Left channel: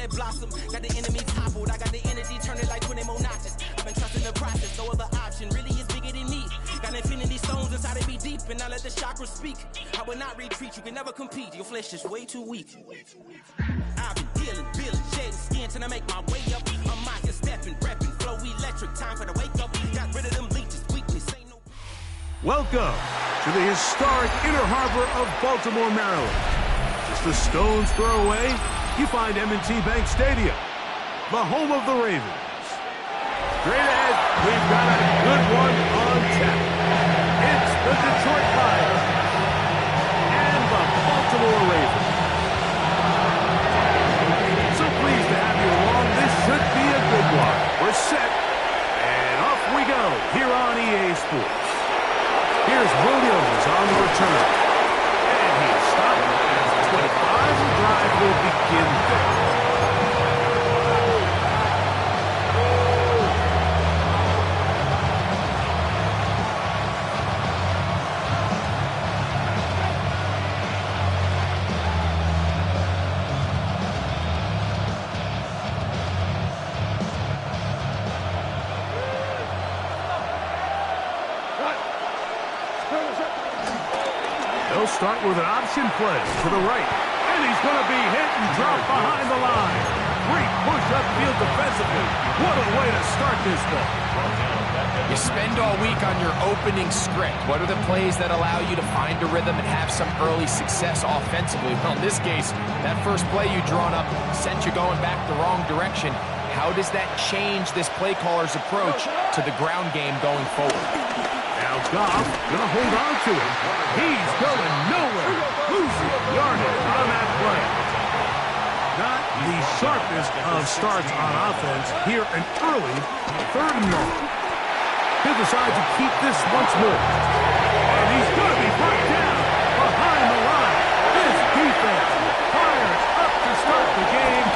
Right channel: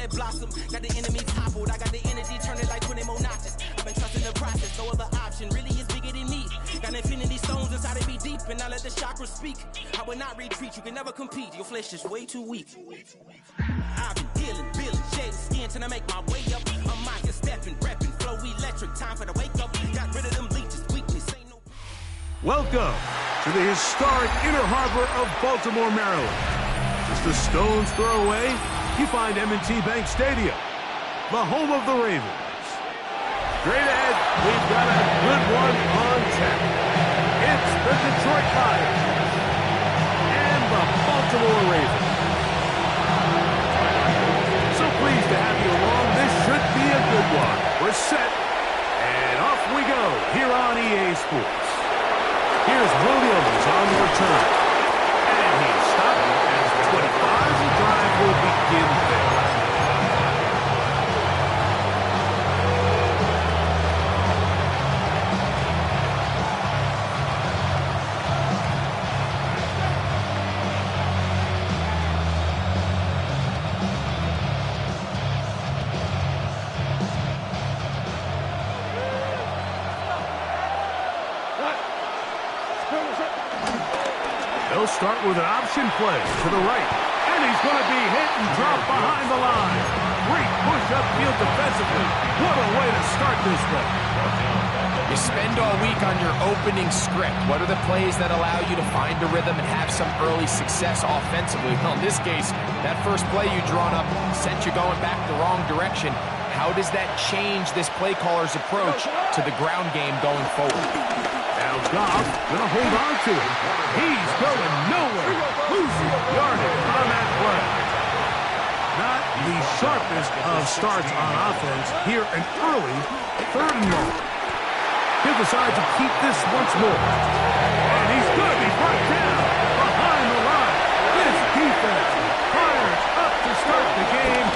that blossom. Got the enemy toppled. I got the energy turning like 20 more notches. I've been trusting the process. No other option really is bigger than me. Got infinity stones inside of me deep, and I let the chakras speak. I will not retreat. You can never compete. Your flesh is way too weak. I've been dealing, shading skin till I make my way up. I'm mocking, stepping, repping, flow electric. Time for the wake up. Got rid of them leeches, weakness ain't no. Welcome to the historic Inner Harbor of Baltimore, Maryland. Just a stone's throw away, you find M&T Bank Stadium, the home of the Ravens. Straight ahead, we've got a good one on tap. It's the Detroit Lions and the Baltimore Ravens. So pleased to have you along. This should be a good one. We're set, and off we go here on EA Sports. Here's Williams on the return. And he's stopped as the 25. The drive will begin there. They'll start with an option play to the right. And he's going to be hit and dropped behind the line. Great push upfield defensively. What a way to start this ball. You spend all week on your opening script. What are the plays that allow you to find a rhythm and have some early success offensively? Well, in this case, that first play you drawn up sent you going back the wrong direction. How does that change this play caller's approach to the ground game going forward? Now Goff gonna hold on to it. He's going nowhere. Losing yardage on that play. Not the sharpest of starts on offense. Here an early 3rd and long. He'll decide to keep this once more. And he's gonna be brought down behind the line. This defense fires up to start the game.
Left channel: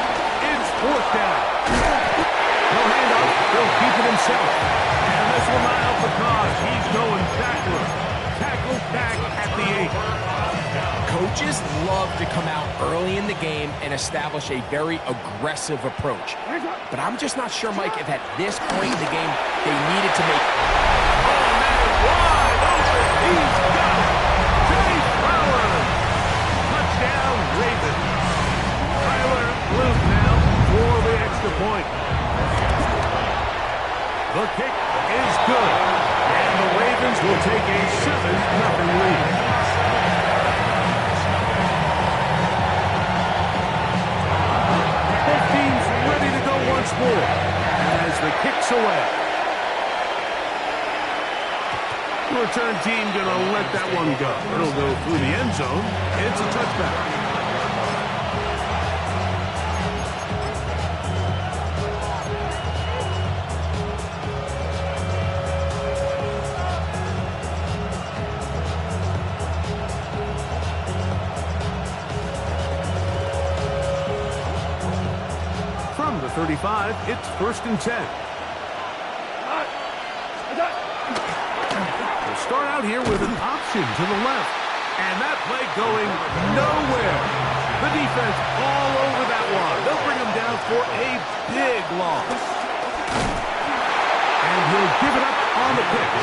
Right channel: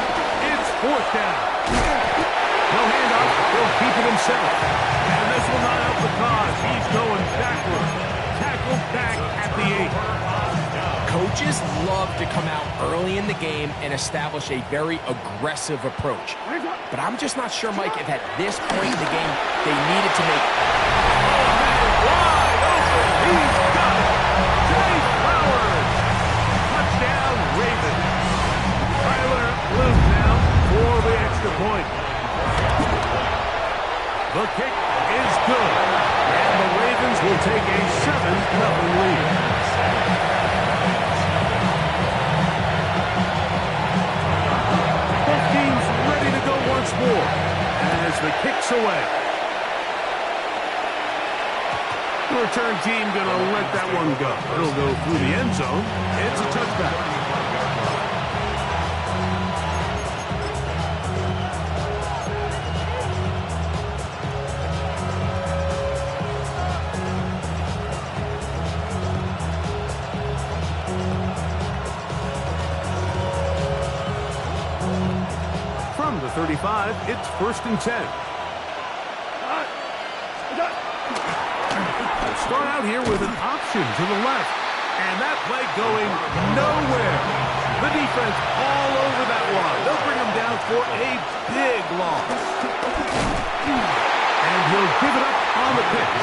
It's 4th down. No handoff. He'll keep it himself. And this will not help the cause. He's going backward. Tackled back at the 8. Coaches love to come out early in the game and establish a very aggressive approach. But I'm just not sure, Mike, if at this point in the game they needed to make... Oh, man, wide open. He's got it. Jay Flowers. Touchdown, Ravens. Tyler Luke now for the extra point. The kick is good, and the Ravens will take a 7-0 lead. Both teams ready to go once more as the kick's away. The return team going to let that one go. It'll go through the end zone. It's a touchback. From the 35, it's 1st and 10. We'll start out here with an option to the left. And that play going nowhere. The defense all over that one. They'll bring him down for a big loss. And he'll give it up on the pitch.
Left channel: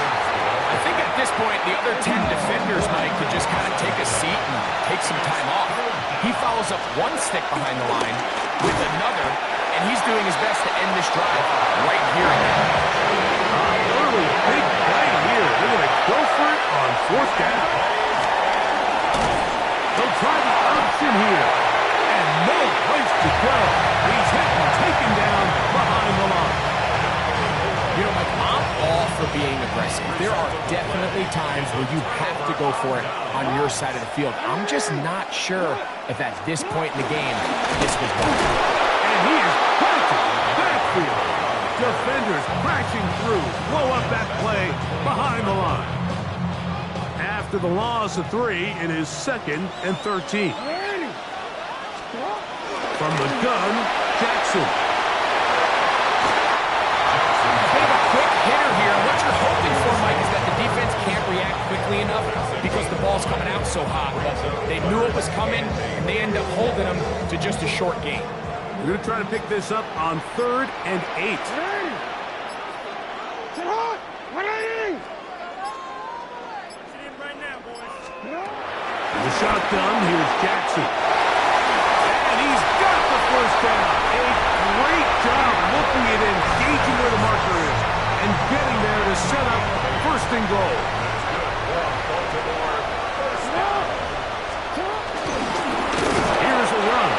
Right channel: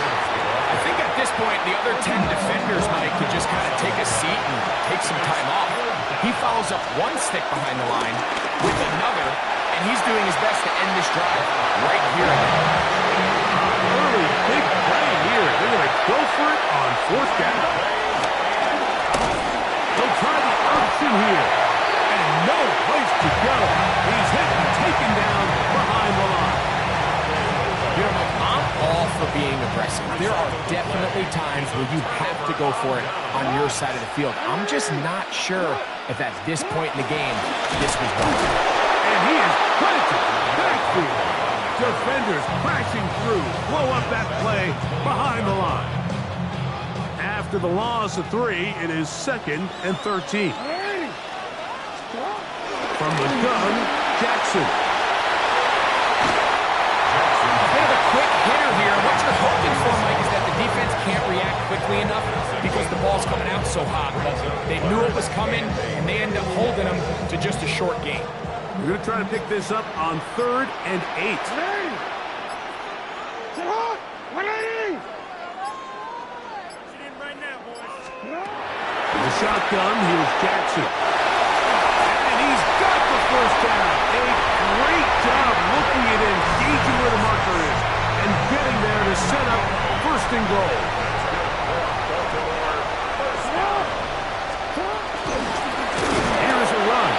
I think at this point, the other 10 defenders, Mike, could just kind of take a seat and take some time off. He follows up one stick behind the line with another, and he's doing his best to end this drive right here and now. Early big play here. They're going to go for it on 4th down. They'll try the option here. And no place to go. He's hit and taken down behind the line. You know, Mike, I'm all for being aggressive. There are definitely times where you have to go for it on your side of the field. I'm just not sure if at this point in the game, this was wrong. And he is planted backfield. Defenders crashing through. Blow up that play behind the line. After the loss of 3, it is 2nd and 13. From the gun, Jackson. Quick hitter here. What you're hoping for, Mike, is that the defense can't react quickly enough because the ball's coming out so hot. But they knew it was coming, and they end up holding them to just a short game. They're going to try to pick this up on 3rd and 8. The shotgun, here's Jackson. And he's got the first down. A great job looking at engaging where the marker is and getting there to set up 1st and goal. Here's a run.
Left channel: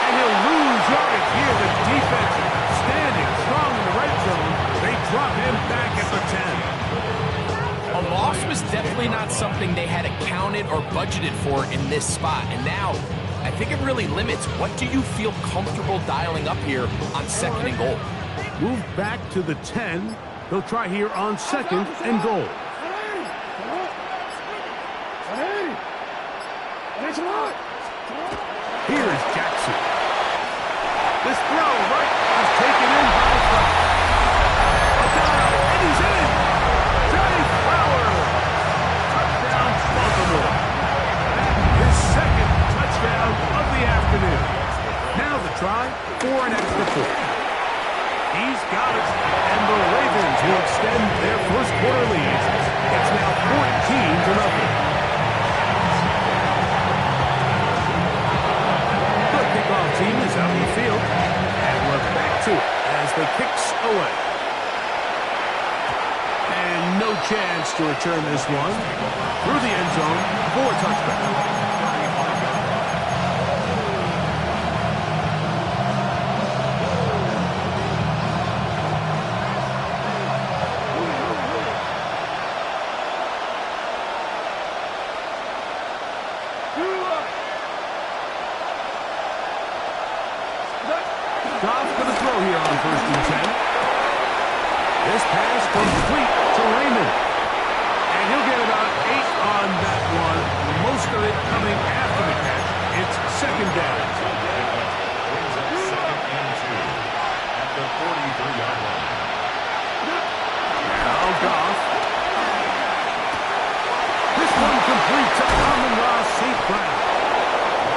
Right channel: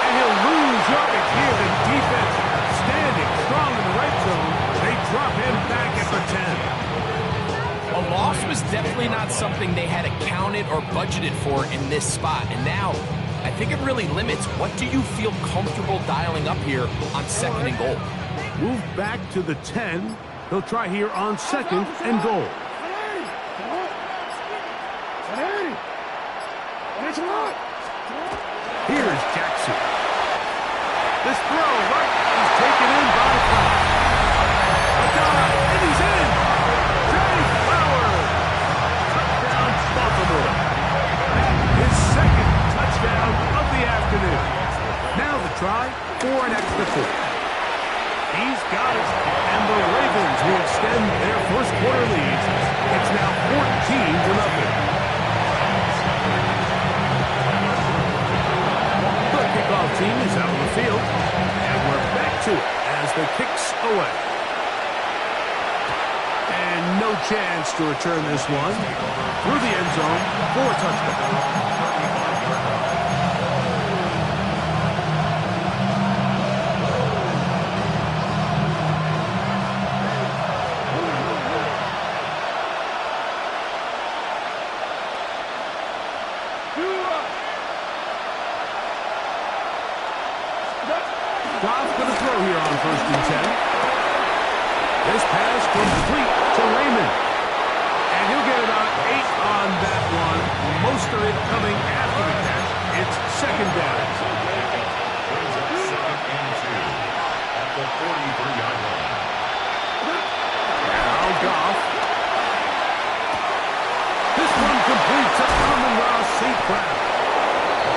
And he'll lose yardage here. The defense standing strong in the red zone. They drop him back at the 10. A loss was definitely not something they had accounted or budgeted for in this spot. And now, I think it really limits what do you feel comfortable dialing up here on 2nd and goal. Move back to the 10. They'll try here on 2nd and goal. Here's Jackson. This throw right is taken in by Flowers. A dive, and he's in. Jay Flowers. Touchdown, Baltimore. That is 2nd touchdown of the afternoon. Now the try for an extra point. He's got it, and the Ravens will extend their first quarter lead. It's now 14-0. The kickoff team is out on the field, and we're back to it as the kick's away. And no chance to return this one through the end zone for a touchback. Goff's going to throw here on 1st and 10. This pass complete to Raymond. And he'll get about 8 on that one. Most of it coming after the catch. It's 2nd down. Brings up 2nd and 2 at the 43-yard line. Now Goff. This one complete to Amon-Ra St. Brown.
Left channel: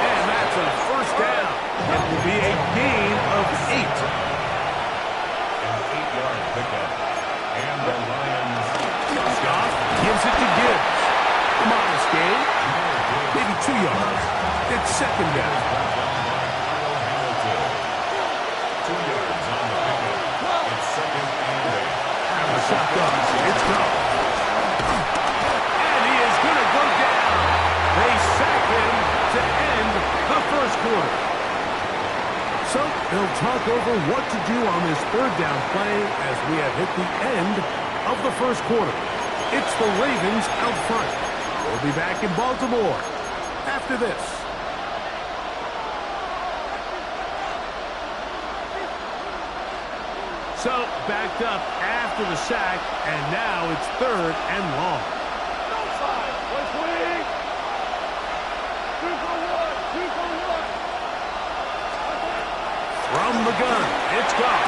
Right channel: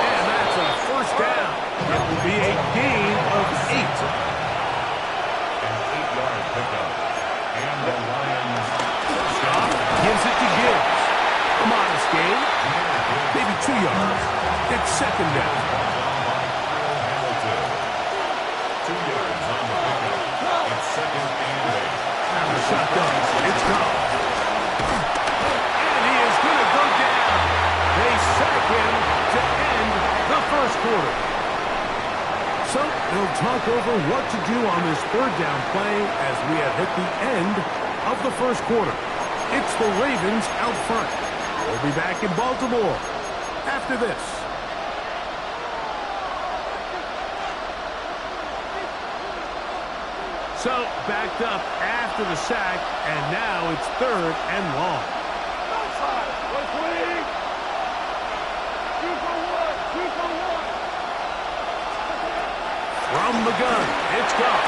And that's a 1st down. It will be a gain of 8. An 8-yard pickup. And the Lions. Goff gives it to Gibbs. A modest gain. Maybe 2 yards. It's 2nd down. By Kyle Hamilton. 2 yards on the pickup. It's 2nd and 8. And the shotgun. It's Goff. And he is going to go down. They sack him to end the first quarter. So they'll talk over what to do on this 3rd down play as we have hit the end of the first quarter. It's the Ravens out front. We'll be back in Baltimore after this. So backed up after the sack, and now it's 3rd and long. From the gun, it's Goff.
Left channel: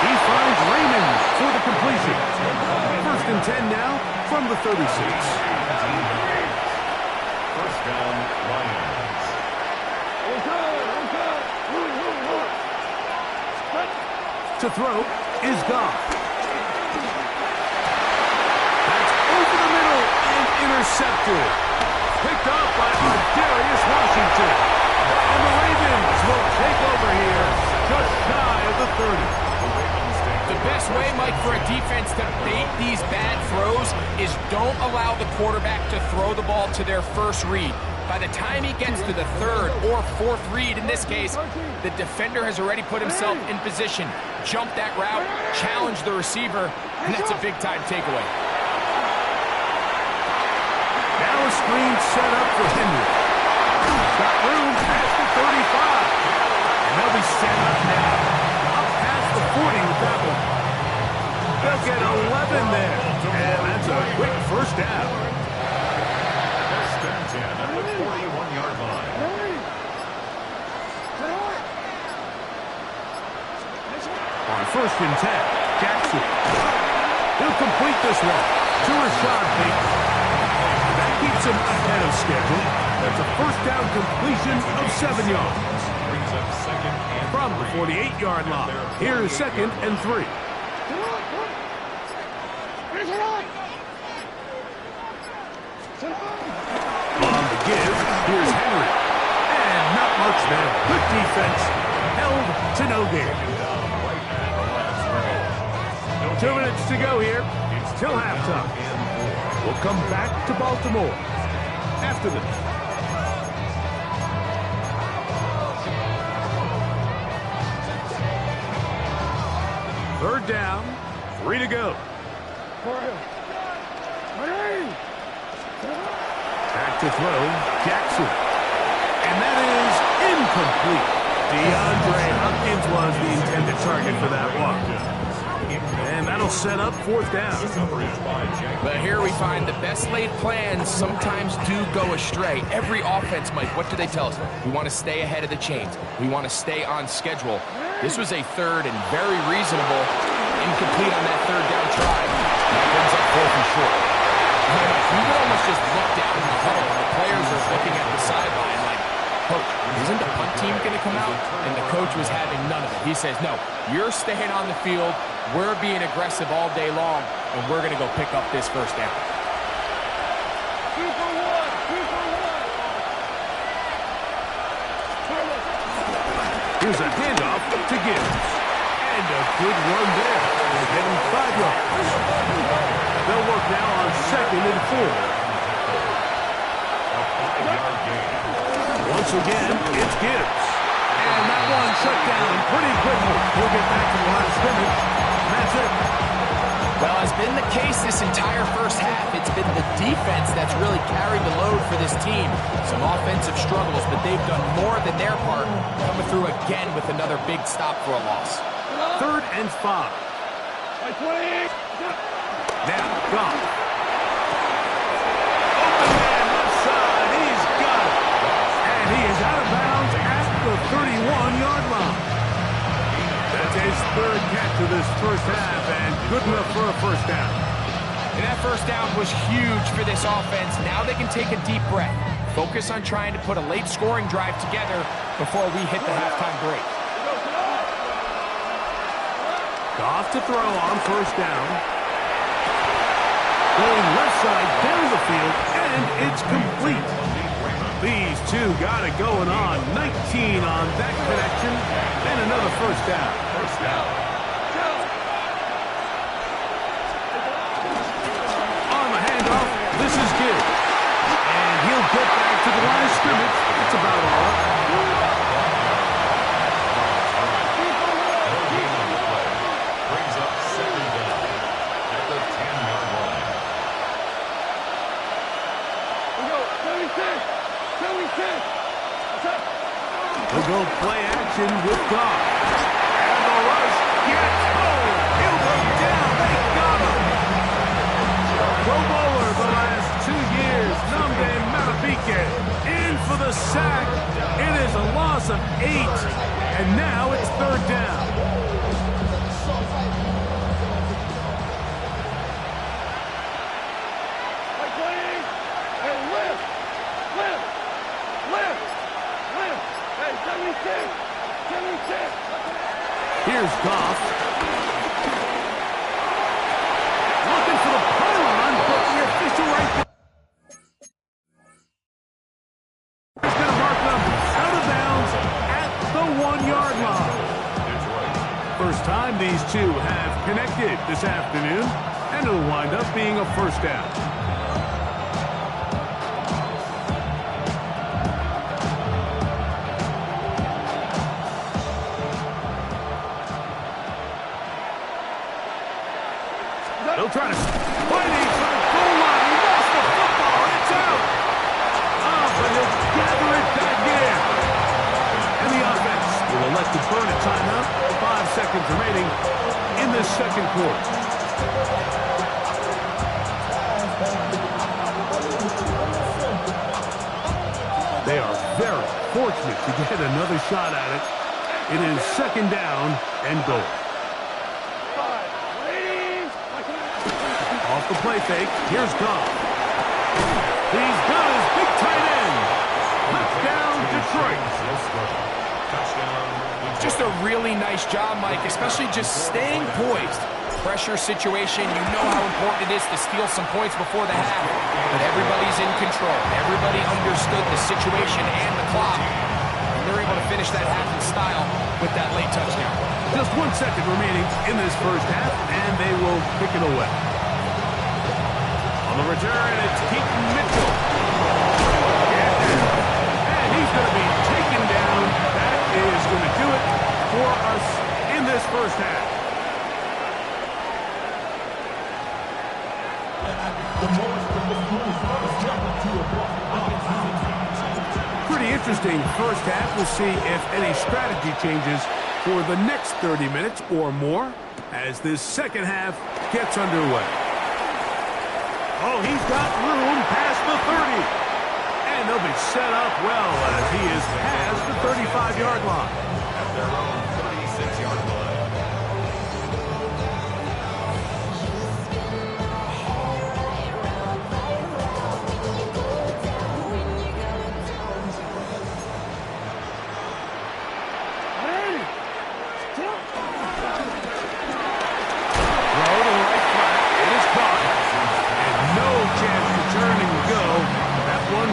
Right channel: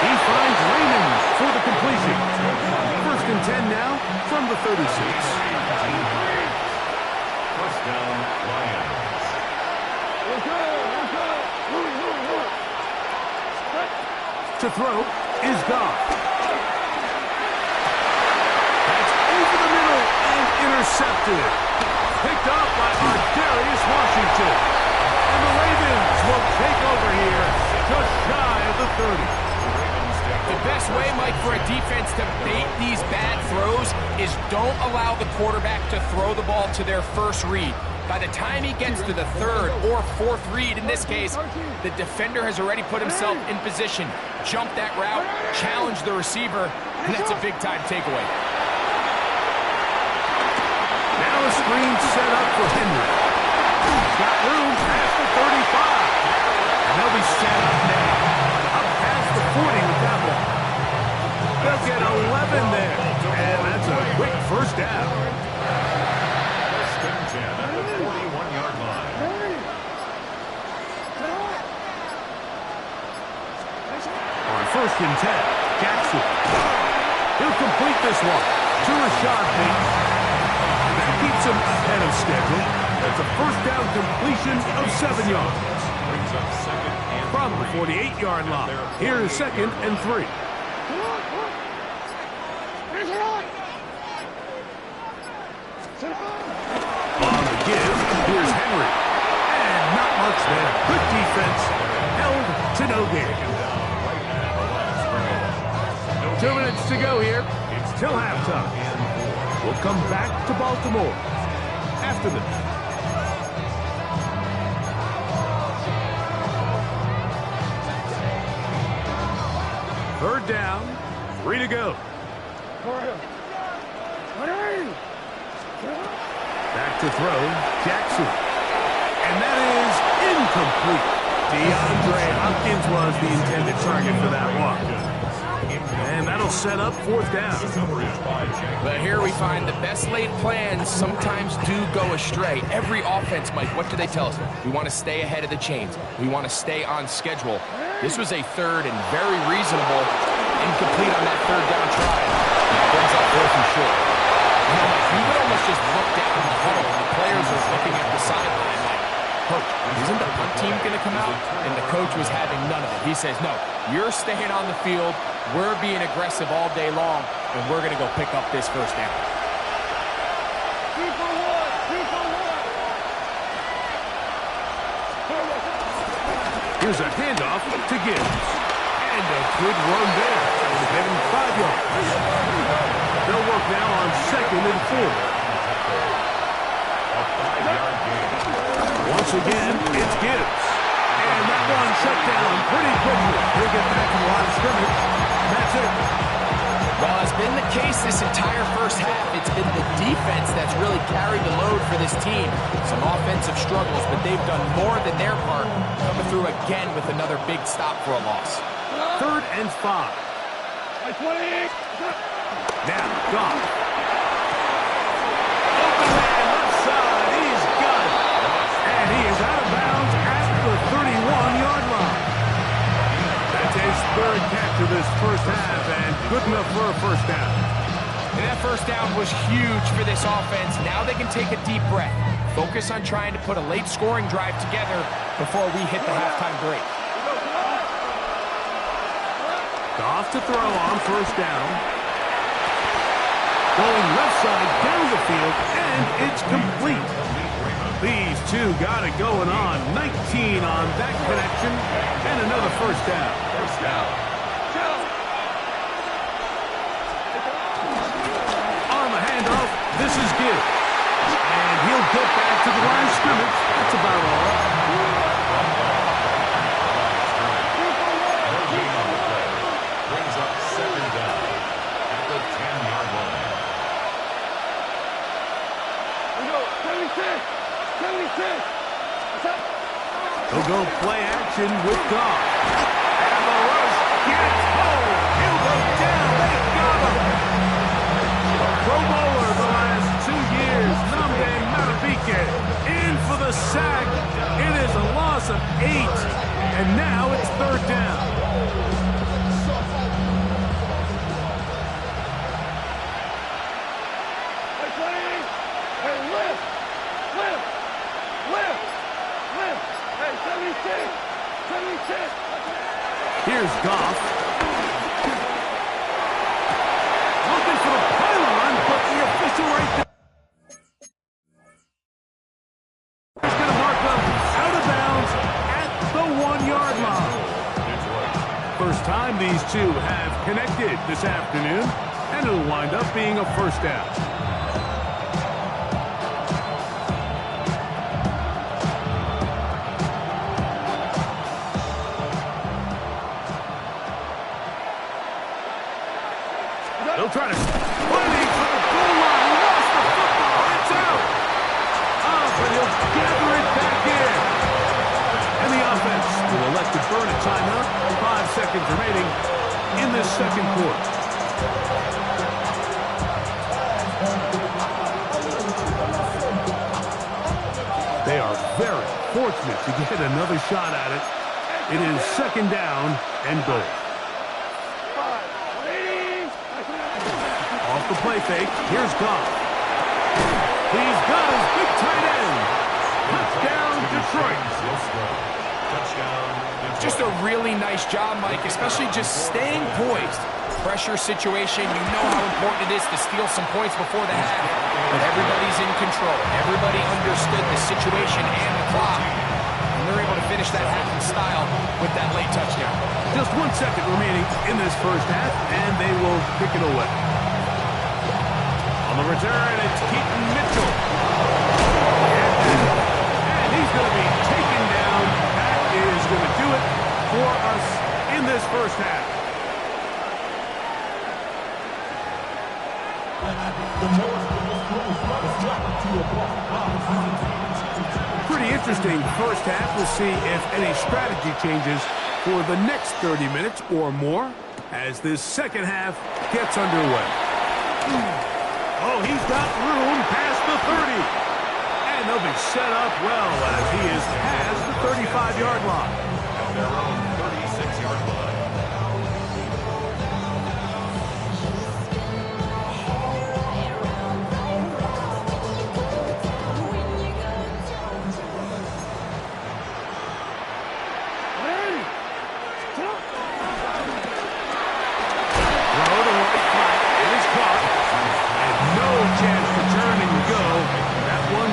He finds Raymond for the completion. 1st and 10 now from the 36. 1st down, Lions. To throw is Goff. That's over the middle and intercepted. Picked up by Darius Washington. And the Ravens will take over here just shy of the 30. The best way, Mike, for a defense to bait these bad throws is don't allow the quarterback to throw the ball to their first read. By the time he gets to the 3rd or 4th read, in this case, the defender has already put himself in position, jump that route, challenge the receiver, and that's a big-time takeaway. Now a screen set up for Henry. Got room past the 35. And they'll be set up now. Up past the 40 with that one. They'll get 11 there. And that's a quick 1st down. 1st and 10 at the 41-yard line. On 1st and 10, Jackson. He'll complete this one to Rashad Bateman. That keeps him ahead of schedule. That's a first down completion of 7 yards. Brings up second and From the 48-yard line, here's 2nd and 3. On the give, here's Henry. And not much there. Good defense. Held to no gain. 2 minutes to go here. Till halftime. We'll come back to Baltimore after this. Third down, 3 to go. Back to throw, Jackson. And that is incomplete. DeAndre Hopkins was the intended target for that one. And that'll set up 4th down. But here we find the best laid plans sometimes do go astray. Every offense, Mike, what do they tell us? We want to stay ahead of the chains. We want to stay on schedule. This was a third and very reasonable incomplete on that 3rd down try. Brings up 4th and short. You know, Mike, we would almost just look down in the huddle and the players are looking at the sideline like, Coach, isn't the punt team going to come out? And the coach was having none of it. He says, no, you're staying on the field. We're being aggressive all day long, and we're going to go pick up this 1st down. 2 for 1, 2 for 1. Here's a handoff to Gibbs. And a good run there. To get him 5 yards. They'll work now on 2nd and 4. A 5-yard gain. Once again, it's Gibbs. And that one shut down pretty quickly. He'll get back to the line of scrimmage. And that's it. Well, as been the case this entire first half, it's been the defense that's really carried the load for this team. Some offensive struggles, but they've done more than their part, coming through again with another big stop for a loss. 3rd and 5. Now, Goff. Open man, left side. He's got it. And he is out of bounds at the 31-yard line. That's his 3rd catch of this first half, and good enough for a 1st down. And that 1st down was huge for this offense. Now they can take a deep breath. Focus on trying to put a late scoring drive together before we hit the halftime break. Goff to throw on 1st down. Going left side down the field, and it's complete. These two got it going on. 19 on that connection, and another 1st down. On the handoff, this is Gibbs. And he'll get back to the line of scrimmage. That's about all. No gain on the play. Brings up 2nd down at the 10-yard line. We go, 76. 76. He'll go play action with Goff. And the rush gets home. He'll go down. They got him. Pro Bowler the last 2 years, Nnamdi Madubuike, in for the sack. It is a loss of 8. And now it's 3rd down. Hey, lift. Hey, 76. 76. Here's Goff. Looking for the pylon, but the official right there. He's going to mark them out of bounds at the 1-yard line. First time these two have connected this afternoon, and it'll wind up being a 1st down. They'll try to fighting for the goal line. He lost the football. It's out. But he'll gather it back in. And the offense will elect to burn a timeout. 5 seconds remaining in this 2nd quarter. They are very fortunate to get another shot at it. It is 2nd down and goal. Off the play fake, here's Goff. He's got his big tight end. Touchdown, Detroit. Touchdown, Detroit. Just a really nice job, Mike, especially just staying poised. Pressure situation, you know how important it is to steal some points before the half. But everybody's in control. Everybody understood the situation and the clock. And they're able to finish that half in style with that late touchdown. Just 1 second remaining in this first half, and they will kick it away. On the return, it's Keaton Mitchell. And he's going to be taken down. That is going to do it for us in this first half. Pretty interesting first half. We'll see if any strategy changes for the next 30 minutes or more as this second half gets underway. Oh, he's got room past the 30. And they'll be set up well as he is past the 35-yard line. At their own 36-yard line.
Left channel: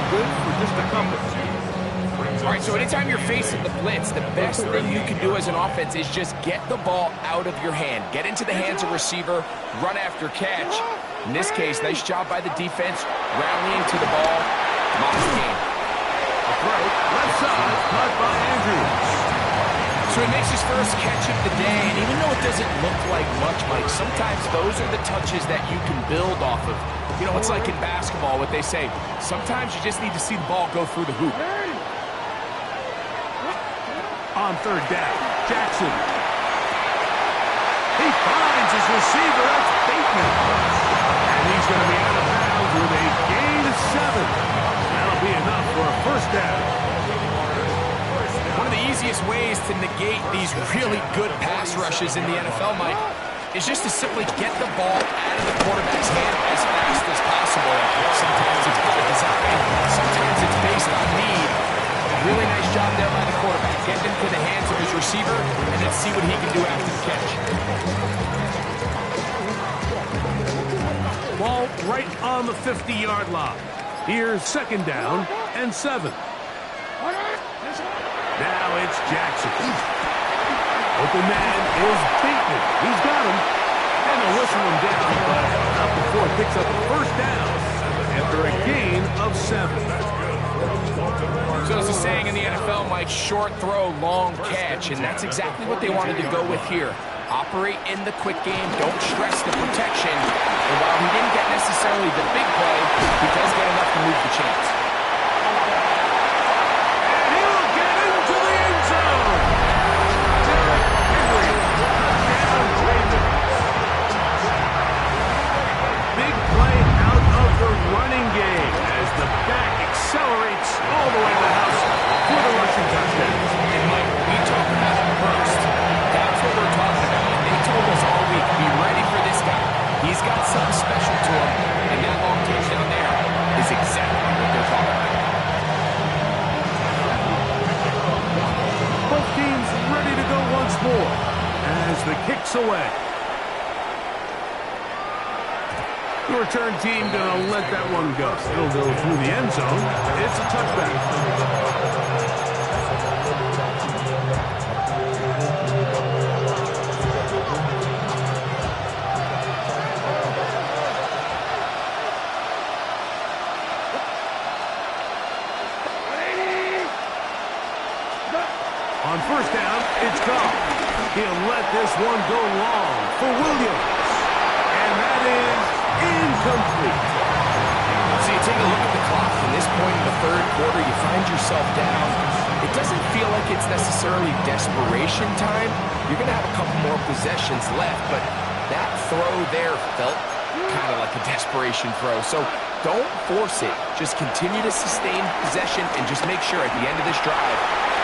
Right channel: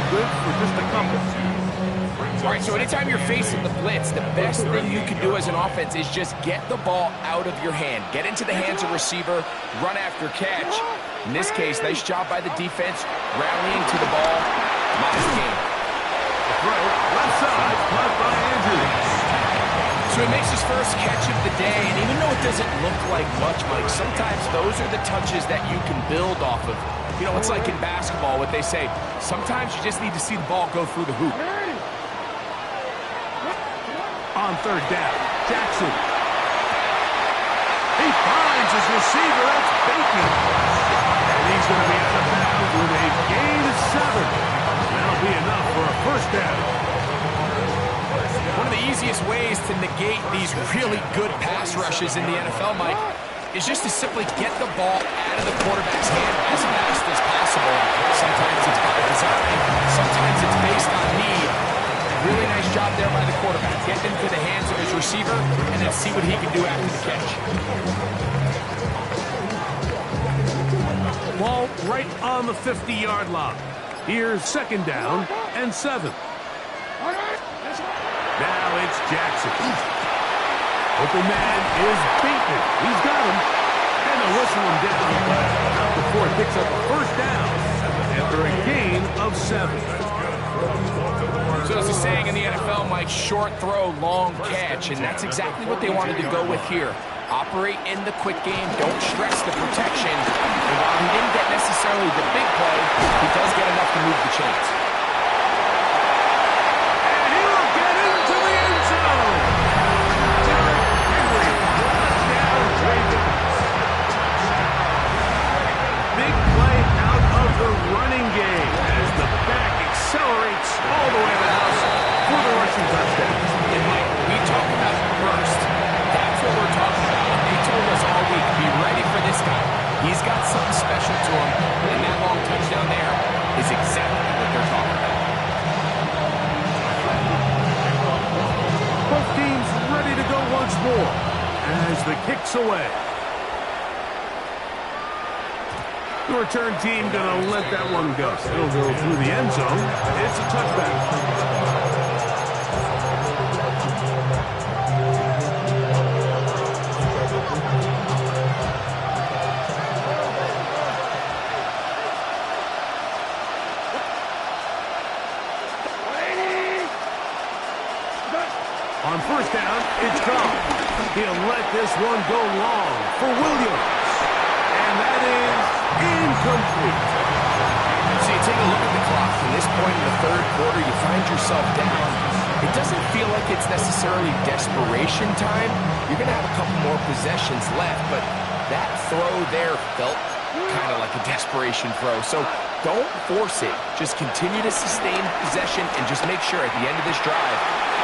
Good for just a couple. All right, so anytime you're facing the blitz, the best thing you can do as an offense is just get the ball out of your hand. Get into the hands of receiver, run after catch. In this case, nice job by the defense, rallying to the ball. Moss game. The throw, left side, caught by Andrews. So he makes his first catch of the day, and even though it doesn't look like much, Mike, sometimes those are the touches that you can build off of. You know, it's like in basketball, what they say, sometimes you just need to see the ball go through the hoop. On third down, Jackson. He finds his receiver, that's Bateman. And he's going to be out of bounds with a gain of 7. That'll be enough for a first down. One of the easiest ways to negate these really good pass rushes in the NFL, Mike, is just to simply get the ball out of the quarterback's hand as fast as possible. Sometimes it's by design, sometimes it's based on need. Really nice job there by the quarterback. Get into the hands of his receiver and then see what he can do after the catch. Ball right on the 50-yard line. Here's second down and 7. Now it's Jackson. Open man is Bateman. He's got him. And they'll whistle him down, but not before it picks up a first down after a gain of 7. So there's a saying in the NFL, Mike, short throw, long catch, and that's exactly what they wanted to go with here. Operate in the quick game, don't stress the protection, and while he didn't get necessarily the big play, he does get enough to move the chains. And he will get into the end zone. Derrick Henry, touchdown Ravens. Big play out of the running game as the back accelerates all the way to the house for the rushing touchdown. And Mike, we talk about burst. That's what we're talking about. And they told us all week, be ready for this guy. He's got something special to him. And that long touchdown there is exactly what they're talking about. Both teams ready to go once more as the kick's away. The return team going to let that one go. It'll go through the end zone. It's a touchback. On first down, it's Goff. He'll let this one go long for Williams. And that is incomplete. So you take a look at the clock. From this point in the third quarter, you find yourself down. It doesn't feel like it's necessarily desperation time. You're going to have a couple more possessions left, but that throw there felt kind of like a desperation throw. So don't force it. Just continue to sustain possession and just make sure at the end of this drive,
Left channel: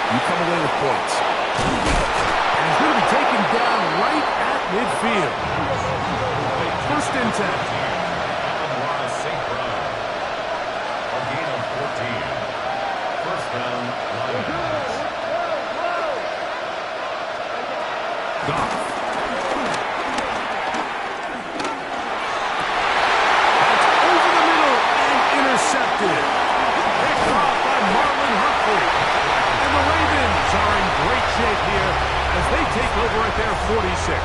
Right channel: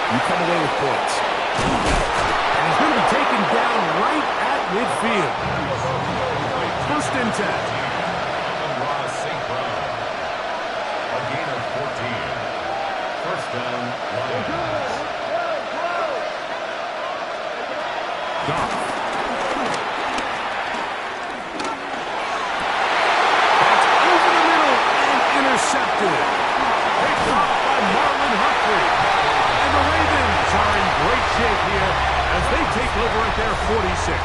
you come away with points. And he's going to be taken down right at midfield. First and 10. Amon-Ra St. Brown. A gain of 14. First down, Lions. Goff. That's over the middle and intercepted. Picked off by Marlon Humphrey. And the Ravens are in great shape here as they take over at their 46.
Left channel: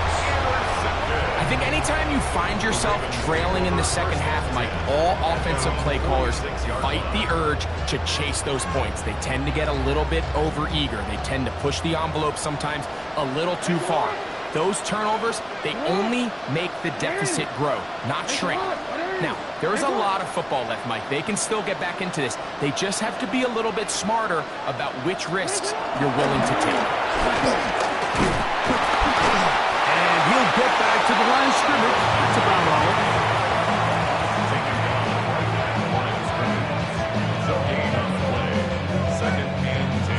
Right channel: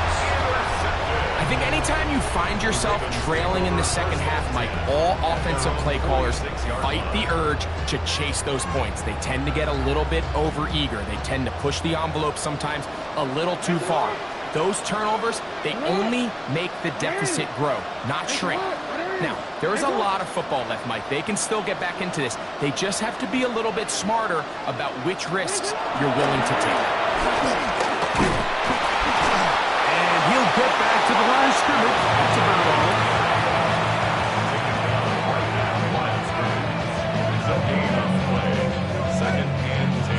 I think anytime you find yourself trailing in the second half, Mike, all offensive play callers fight the urge to chase those points. They tend to get a little bit overeager. They tend to push the envelope sometimes a little too far. Those turnovers, they only make the deficit grow, not shrink. Now, there is a lot of football left, Mike. They can still get back into this. They just have to be a little bit smarter about which risks you're willing to take. And he'll get back to the line of scrimmage. That's about all. Taken down right at the line of scrimmage. So gain on the play. 2nd and 10.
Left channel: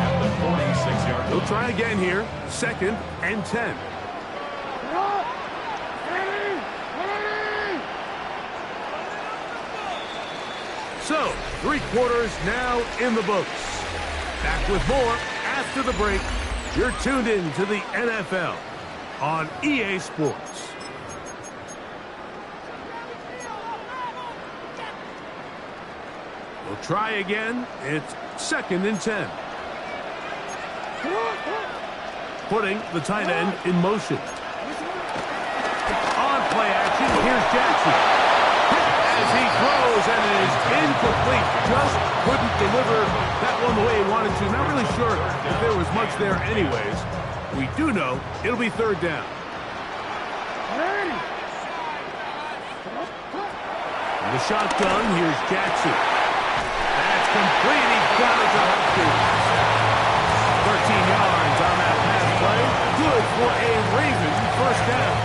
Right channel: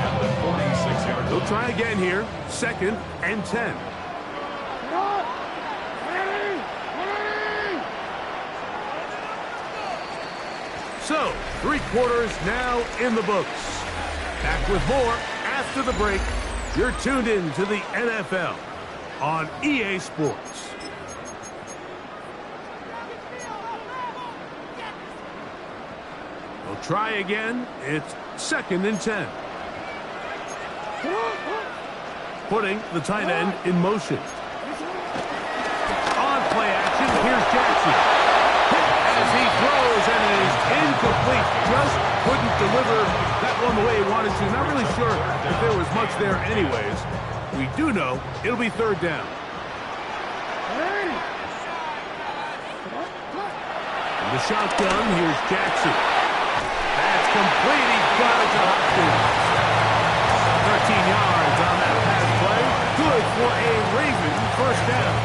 At the 46-yard line. He'll try again here. 2nd and 10. So, 3 quarters now in the books. Back with more after the break. You're tuned in to the NFL on EA Sports. We'll try again. It's 2nd and 10. Putting the tight end in motion. On play action, here's Jackson. As he throws, and it is incomplete. Just couldn't deliver that one the way he wanted to. Not really sure if there was much there anyways. We do know it'll be 3rd down. From the shotgun, here's Jackson. That's complete. He got it to Hopkins. 13 yards on that pass play. Good for a Raven 1st down.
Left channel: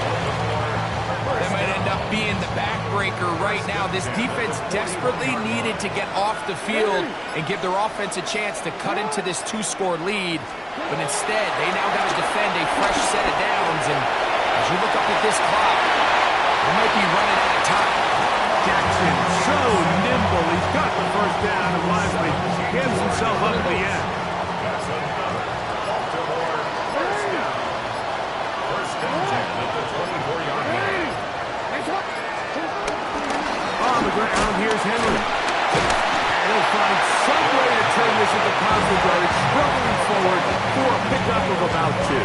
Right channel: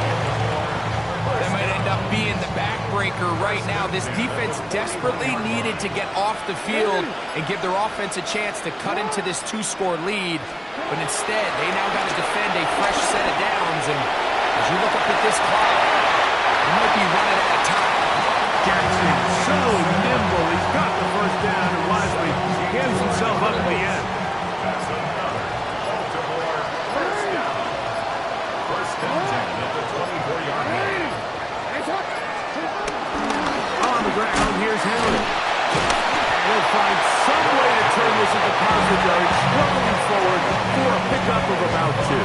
That might end up being the backbreaker right now. This defense desperately needed to get off the field and give their offense a chance to cut into this 2-score lead. But instead, they now got to defend a fresh set of downs. And as you look up at this clock, they might be running out of time. Jackson, so nimble. He's got the 1st down and wisely gives himself up at the end. That's another Baltimore 1st down. 1st and 10 at the 24-yard line. On the ground, here's Henry. And he'll find some way to turn this into positive yardage, struggling forward for a pickup of about 2.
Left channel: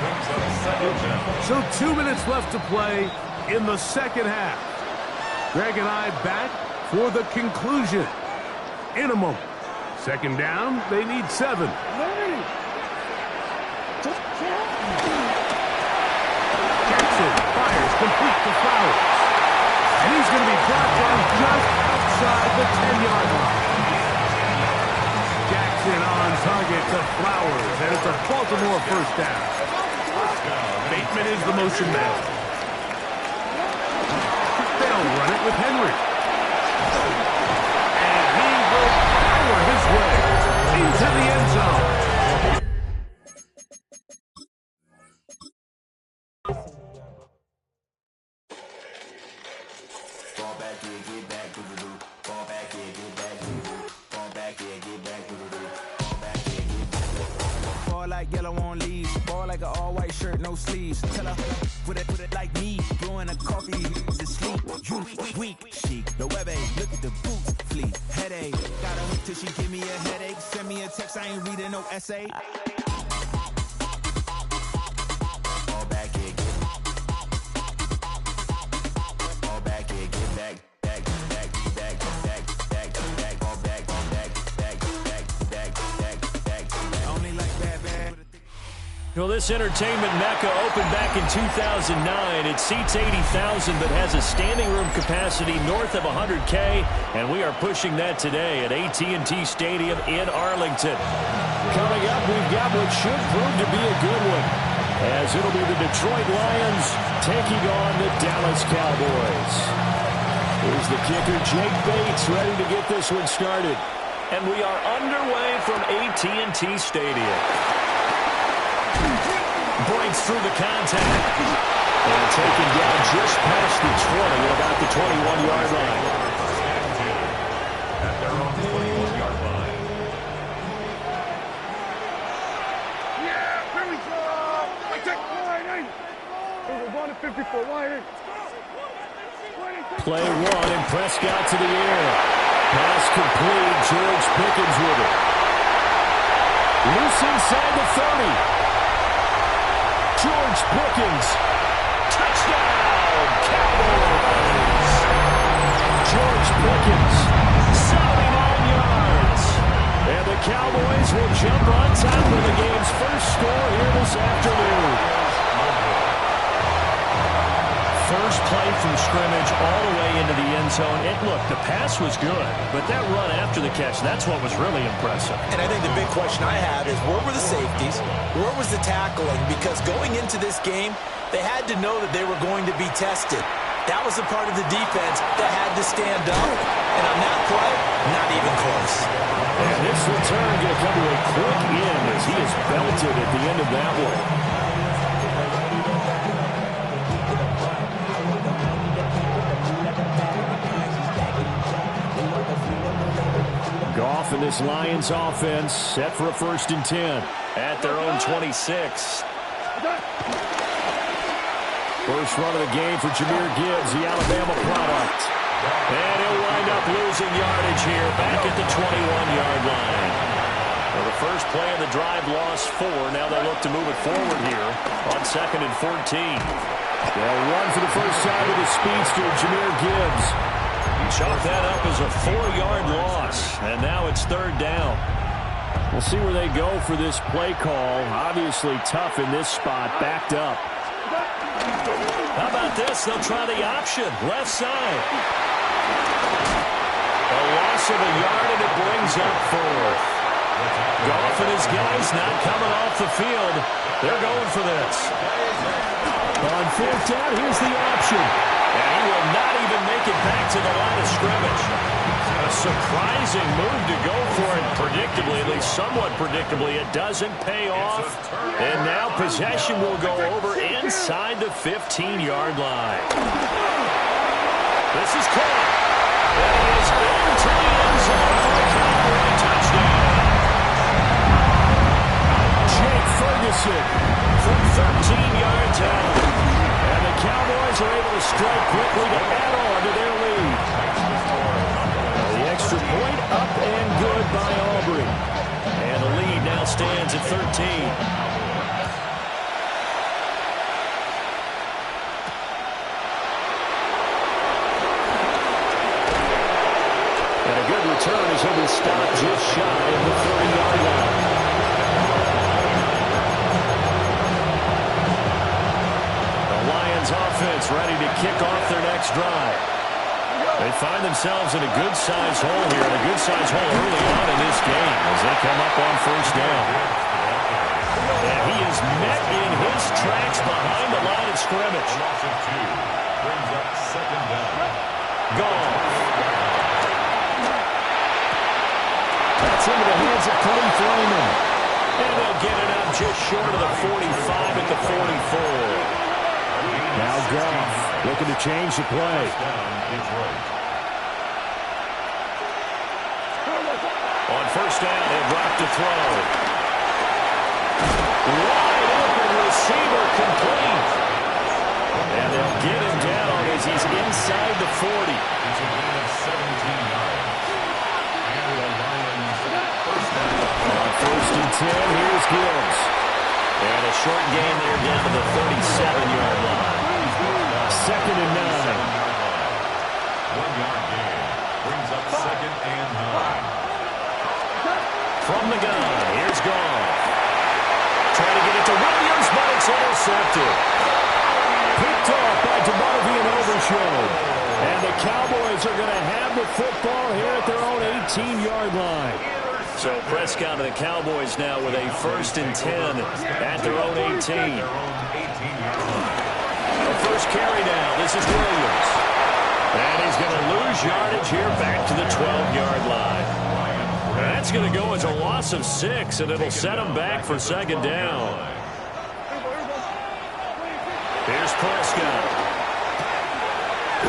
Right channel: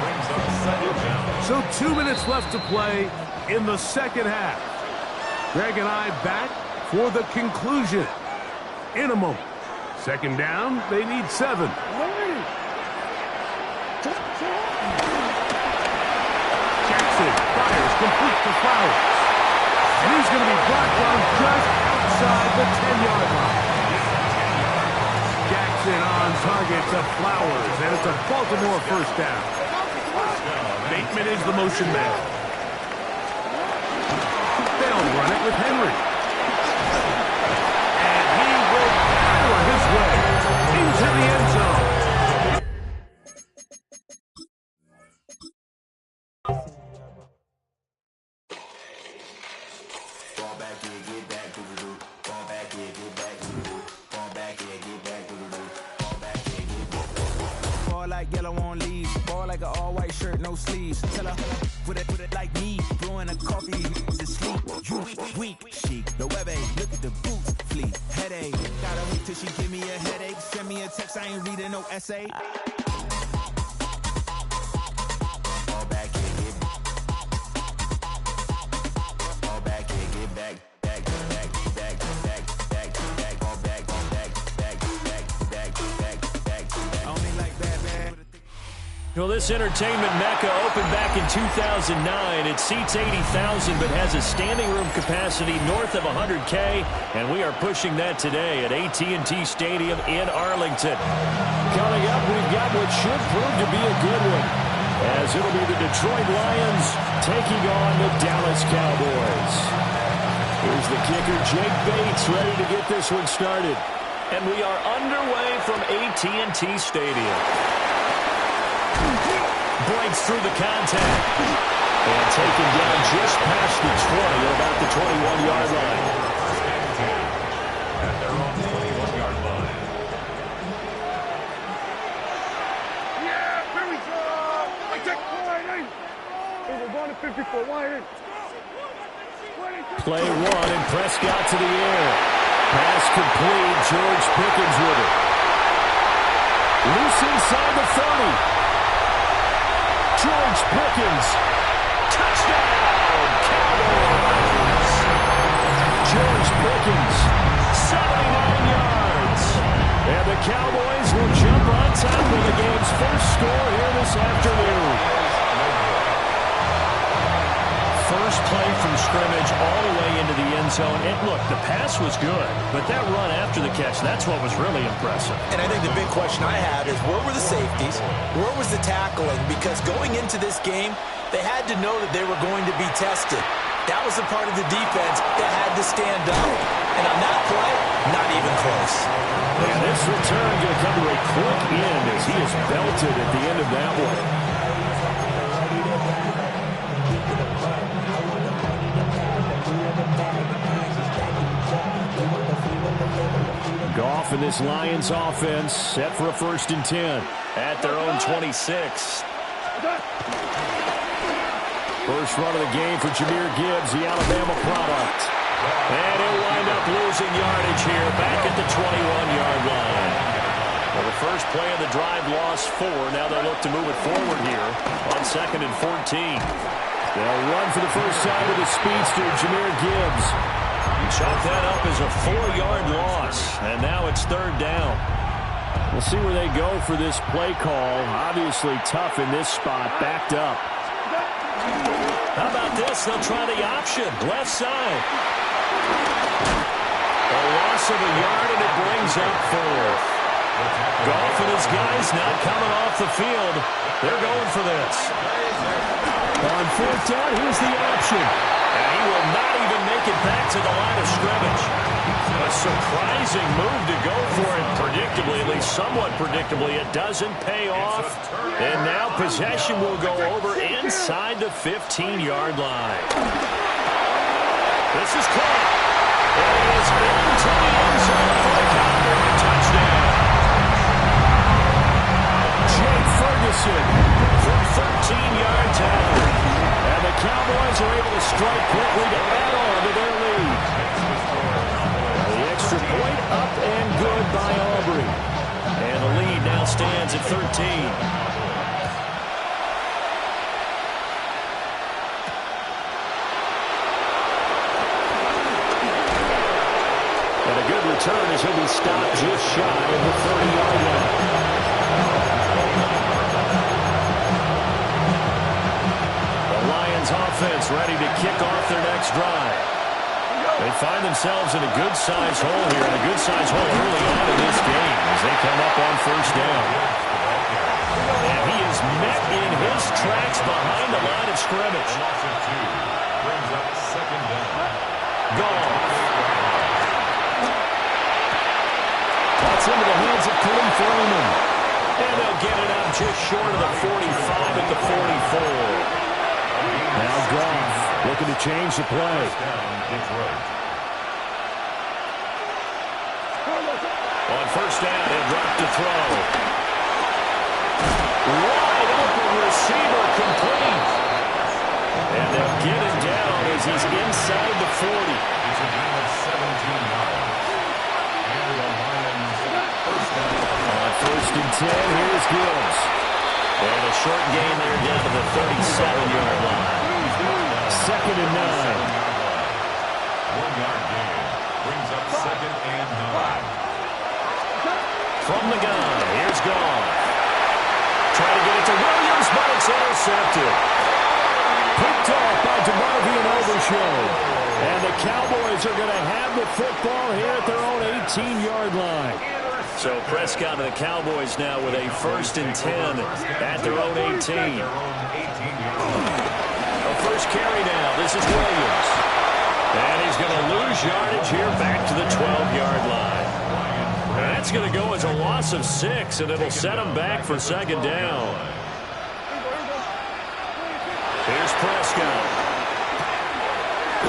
Brings up 2nd down. So 2 minutes left to play in the 2nd half. Greg and I back for the conclusion in a moment. 2nd down, they need 7. Jackson fires complete to Flowers. And he's going to be brought down just outside the 10-yard line. Jackson on target to Flowers, and it's a Baltimore 1st down. Bateman is the motion man. They'll run it with Henry. And he will power his way into the end zone. Fall back here, get back, doo-doo-doo. Fall back here, get back, doo-doo-doo. Fall back here, get back, doo-doo-doo. Fall back here, get back. Fall like yellow on leaves. Fall like an all-white shirt, no sleeves. Tell her, put it like me. Blowing a coffee, to sleep. You weak, chic. The web look at the boots, fleet. Headache. Gotta wait till she give me a headache. Send me a text, I ain't reading no essay. Fall back here, get back. Fall back here, get back. Well, this entertainment mecca opened back in 2009. It seats 80,000 but has a standing room capacity north of 100K, and we are pushing that today at AT&T Stadium in Arlington. Coming up, we've got what should prove to be a good one, as it'll be the Detroit Lions taking on the Dallas Cowboys. Here's the kicker, Jake Bates, ready to get this one started. And we are underway from AT&T Stadium. Breaks through the contact. And taken down just past the 20 at about the 21-yard line. At their own 21-yard line. We're going to 54. Wide in. Play one, and Prescott to the air. Pass complete. George Pickens with it. Loose inside the 30. George Pickens. Touchdown, Cowboys. George Pickens, 79 yards. And the Cowboys will jump on top of the game's first score here this afternoon. First play from scrimmage all the way into the end zone. And look, the pass was good, but that run after the catch, that's what was really impressive. And I think the big question I have is, where were the safeties? Where was the tackling? Because going into this game, they had to know that they were going to be tested. That was a part of the defense that had to stand up. And on that play, not even close. And this return going to come to a quick end as he is belted at the end of that one. Goff and this Lions offense set for a 1st and 10 at their own 26. First run of the game for Jahmyr Gibbs, the Alabama product. And he'll wind up losing yardage here back at the 21-yard line. Well, the first play of the drive lost 4. Now they'll look to move it forward here on 2nd and 14. They'll run for the first time with the speedster, Jahmyr Gibbs. Chalk that up as a 4-yard loss, and now it's 3rd down. We'll see where they go for this play call. Obviously tough in this spot, backed up. How about this? They'll try the option, left side. A loss of a yard, and it brings up 4th. Goff and his guys not coming off the field. They're going for this. On 4th down, here's the option. And he will not even make it back to the line of scrimmage. A surprising move to go for it predictably, at least somewhat predictably. It doesn't pay off. And now possession will go over inside the 15-yard line. This is caught. And he is into the end zone for a Cowboy touchdown. Jake Ferguson from 13 yards out. And the Cowboys are able to strike quickly to add on to their lead. The extra point up and good by Aubrey. And the lead now stands at 13. And a good return as he'll be stopped just shy of the 30-yard line. Lions offense ready to kick off their next drive. They find themselves in a good-sized hole here, and a good-sized hole early on in this game as they come up on 1st down. And he is met in his tracks behind the line of scrimmage. Brings up 2nd down. Goff. That's into the hands of Khalif Raymond. And they'll get it up just short of the 45 at the 44. Now Goff looking to change the play. On 1st down, he'll drop to throw. Wide open receiver complete. And they'll get him down as he's inside the 40. It's a gain of 17 yards. And the Lions 1st down. On 1st and 10, here's Gibbs. And a short gain there down to the 37-yard line. 2nd and 9. 1-yard gain. Brings up 2nd and 9. From the gun, here's Goff. Trying to get it to Williams, but it's intercepted. Picked off by DeMarvion Overshown. And the Cowboys are going to have the football here at their own 18-yard line. So Prescott and the Cowboys now with a 1st and 10 at their own 18. The first carry now. This is Williams. And he's going to lose yardage here back to the 12-yard line. That's going to go as a loss of 6, and it'll set him back for 2nd down. Here's Prescott.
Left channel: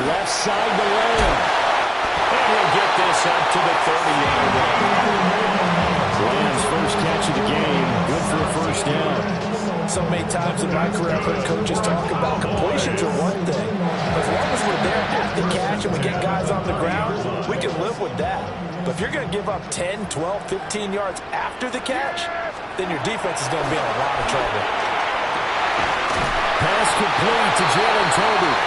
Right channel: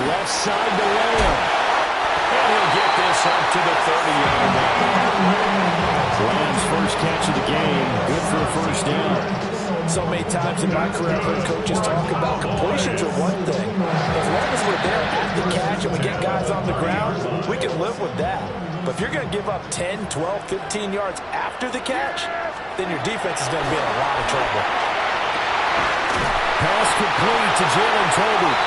Left side to Lamb. And he'll get this up to the 30-yard line. Lamb's first catch of the game. Good for a 1st down. So many times in my career, I've heard coaches talk about completions are one thing. As long as we're there at the catch and we get guys on the ground, we can live with that. But if you're going to give up 10, 12, 15 yards after the catch, then your defense is going to be in a lot of trouble. Pass complete to Jalen Tolbert.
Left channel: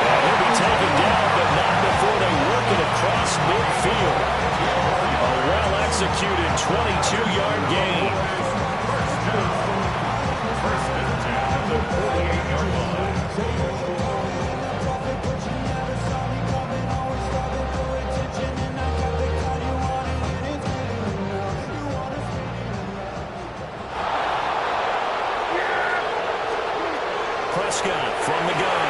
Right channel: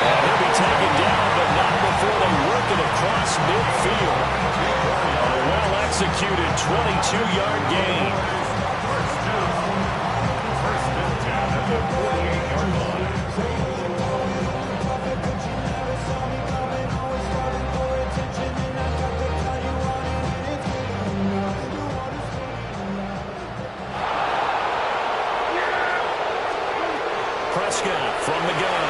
And he'll be taken down, but not before they work it across midfield. A well-executed 22-yard gain. First and 10 at the 48-yard line. Prescott from the gun.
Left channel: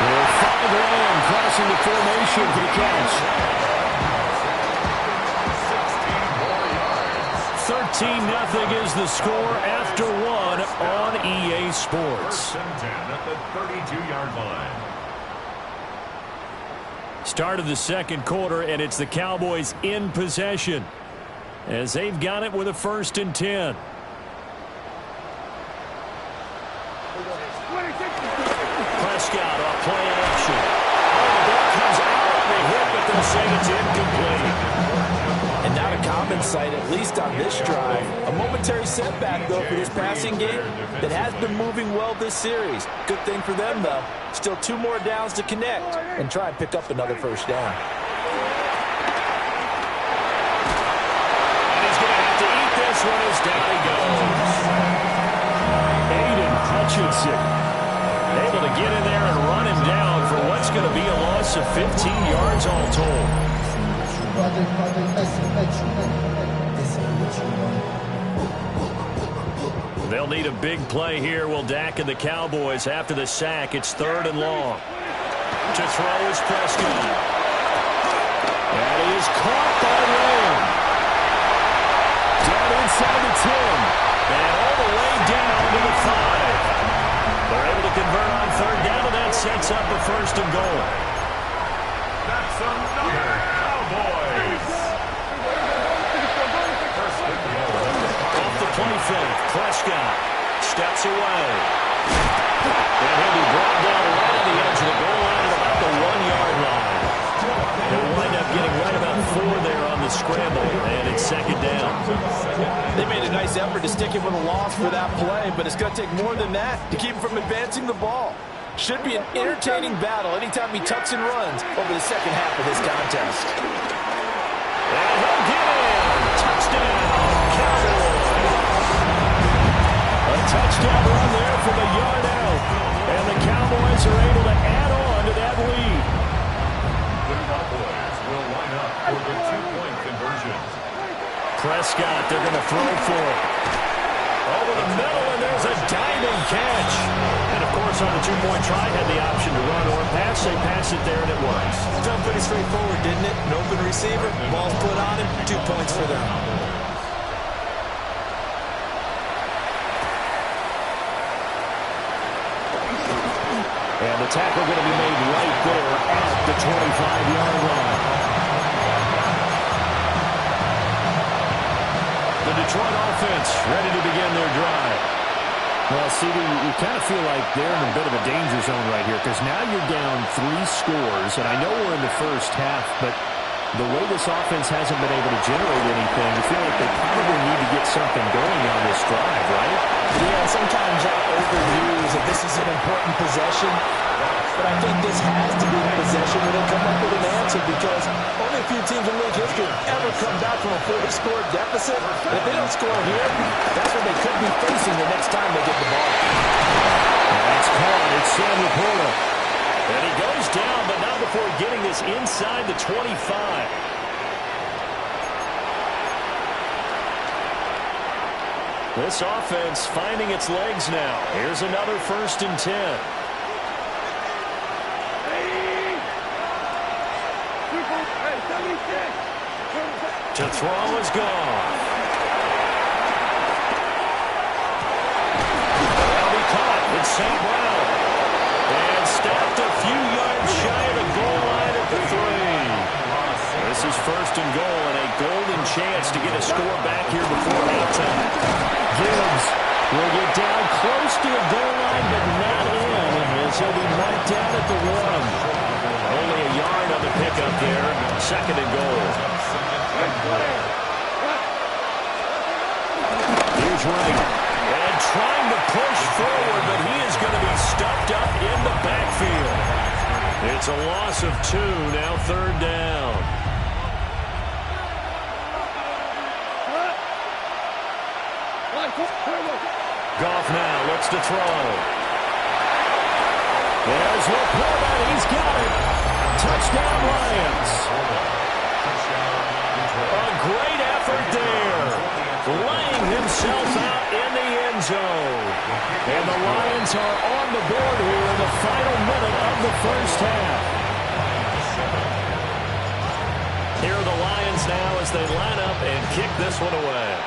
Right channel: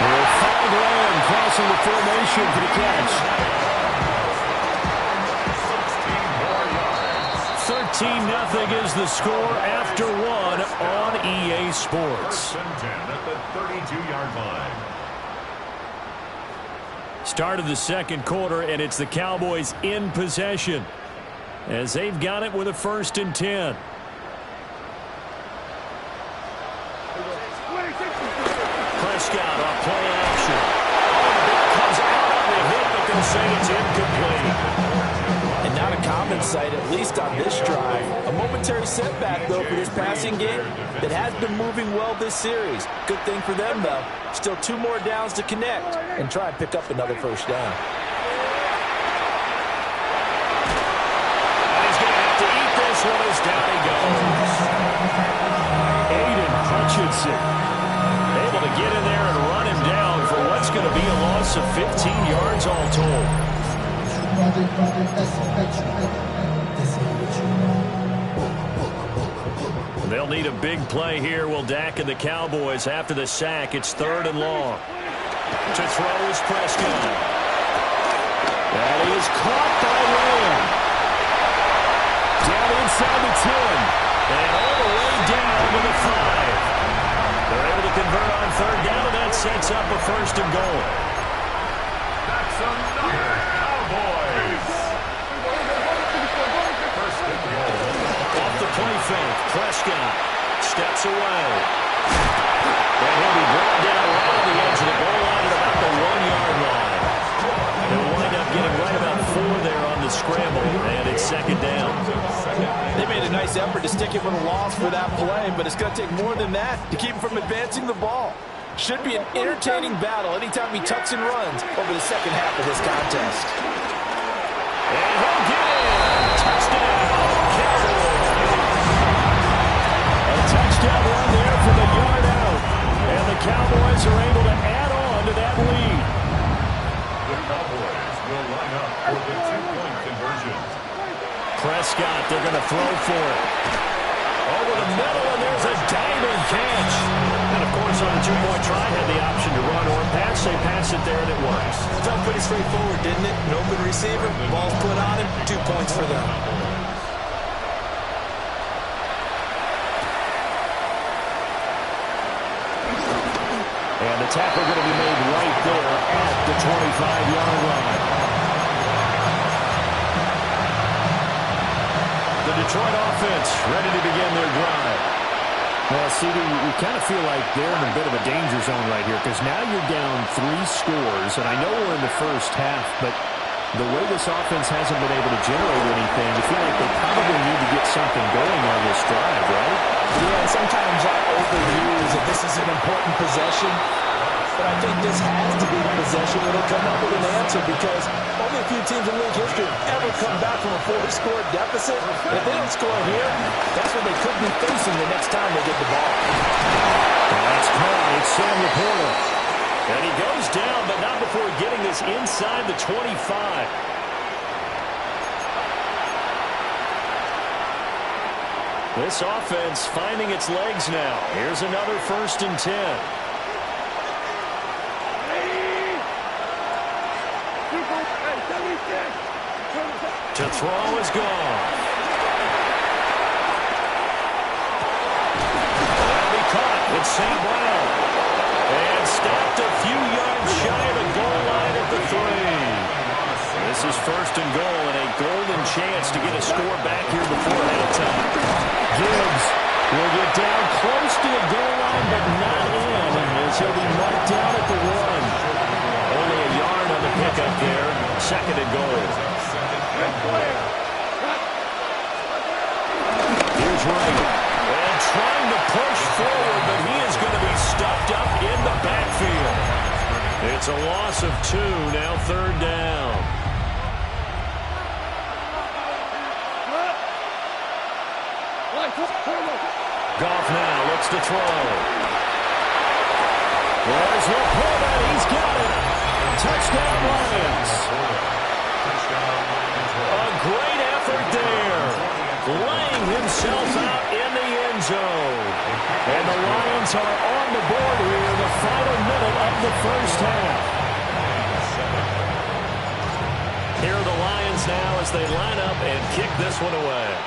Will find Lamb crossing the formation for the catch. 13-0 is the score after one on EA Sports. First and 10 at the 32-yard line. Start of the second quarter, and it's the Cowboys in possession as they've got it with a 1st and 10. Prescott off play action. Oh, the ball comes out on the hit, but they'll say it's incomplete. And not a common sight, at least on this drive. A momentary setback, though, for this passing game that has been moving well this series. Good thing for them, though. Still 2 more downs to connect and try and pick up another first down. And he's going to have to eat this one as down he goes. Aiden Hutchinson able to get in there and run him down for what's going to be a loss of 15 yards all told. They'll need a big play here, will Dak and the Cowboys. After the sack, it's 3rd and long. To throw is Prescott. That is caught by Lamb. Down inside the 10. And all the way down to the 5. They're able to convert on 3rd down, and that sets up a 1st and goal. That's another Cowboys. First and goal. Off the play fake, Prescott steps away. And he'll be brought down right on the edge of the goal line at about the 1-yard line. They'll wind up getting right about 4 there on the scramble, and it's 2nd down. They made a nice effort to stick him with a loss for that play, but it's going to take more than that to keep him from advancing the ball. Should be an entertaining battle anytime he tucks and runs over the second half of this contest. And he'll get in. Touchdown, Cowboys. A touchdown run there from a yard out. And the Cowboys are able to add on to that lead. The Cowboys will line up for the 2-point conversion. Prescott, they're going to throw for it. Over the middle, and there's a diving catch. And, of course, on the 2-point try, had the option to run or pass. They pass it there, and it works. Felt pretty straightforward, didn't it? An open receiver, ball's put on him, 2 points for them. And the tackle going to be made right there at the 25-yard line. The Detroit offense ready to begin their drive. Well, CD, you kind of feel like they're in a bit of a danger zone right here because now you're down 3 scores, and I know we're in the first half, but the way this offense hasn't been able to generate anything, you feel like they probably need to get something going on this drive, right? Yeah, sometimes I overuse that this is an important possession, but I think this has to be the possession where they'll come up with an answer because only a few teams in league history have ever come back from a 4-score deficit. And if they don't score here, that's what they could be facing the next time they get the ball. And that's caught. It's Sam Laporta. And he goes down, but not before getting this inside the 25. This offense finding its legs now. Here's another 1st and 10. To throw is gone. That'll be caught. It's St. Brown. And stopped a few yards shy of the goal line at the 3. This is 1st and goal and a golden chance to get a score back here before halftime. Gibbs Will get down close to the goal line, but not in, as he'll be marked down at the 1. Only a yard on the pickup there. 2nd and goal. Here's Wright. And trying to push forward, but he is going to be stuffed up in the backfield. It's a loss of 2, now 3rd down. Goff now looks to throw. There's Laporta. He's got it. Touchdown, Lions. A great effort there. Laying himself out in the end zone. And the Lions are on the board here in the final minute of the first half. Here are the Lions now as they line up and kick this one away.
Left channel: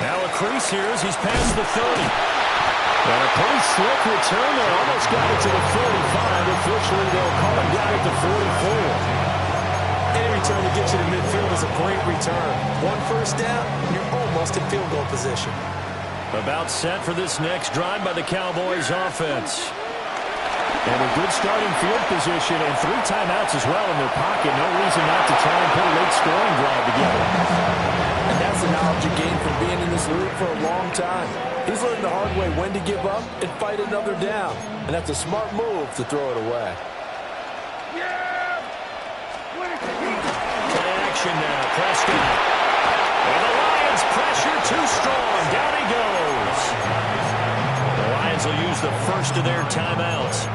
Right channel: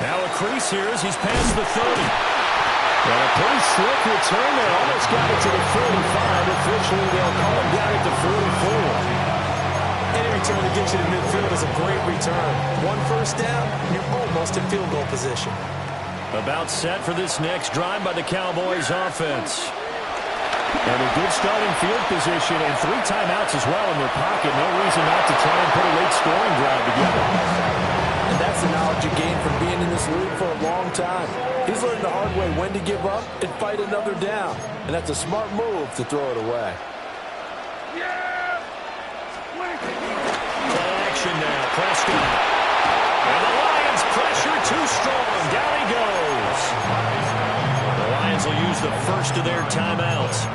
Now a crease here as he's past the 30. And a pretty slick return there. Almost got it to the 45. Officially, they'll call him down at the 44. Any return to get you to midfield is a great return. 1 first down, you're almost in field goal position. About set for this next drive by the Cowboys offense. And a good starting field position and 3 timeouts as well in their pocket. No reason not to try and put a late scoring drive together. And that's the knowledge you gain from being in this league for a long time. He's learned the hard way when to give up and fight another down. And that's a smart move to throw it away. Play action now. Prescott. And the Lions pressure too strong. Down he goes. The Lions will use the first of their timeouts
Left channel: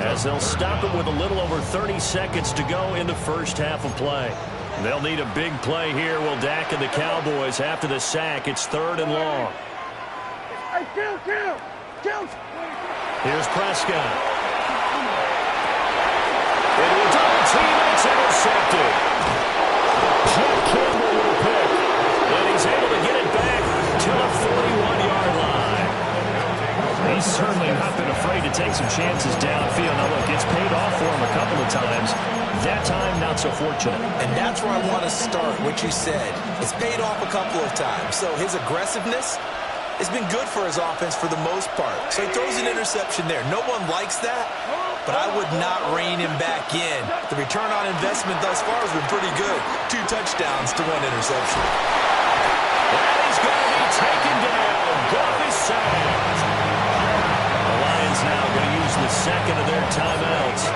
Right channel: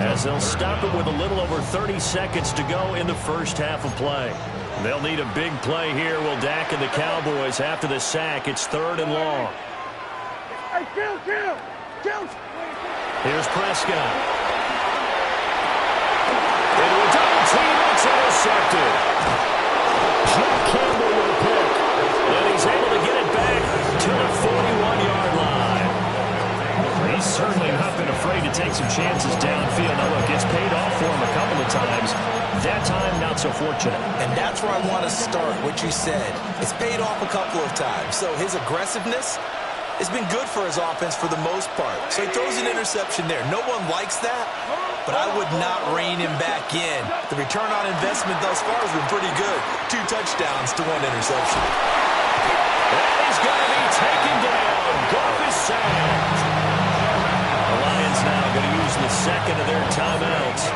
as they'll stop it with a little over 30 seconds to go in the first half of play. They'll need a big play here. Will Dak and the Cowboys after the sack. It's 3rd and long. Here's Prescott. Into a double team, and it's intercepted. Jeff Campbell with a pick. And he's able to get it back to the 41-yard line. He's certainly not been afraid to take some chances downfield. Now, look, it's paid off for him a couple of times. That time, not so fortunate. And that's where I want to start, what you said. It's paid off a couple of times. So his aggressiveness has been good for his offense for the most part. So he throws an interception there. No one likes that, but I would not rein him back in. The return on investment thus far has been pretty good. 2 touchdowns to 1 interception. And he's going to be taken down. Goff is sacked. The Lions now going to use the 2nd of their timeouts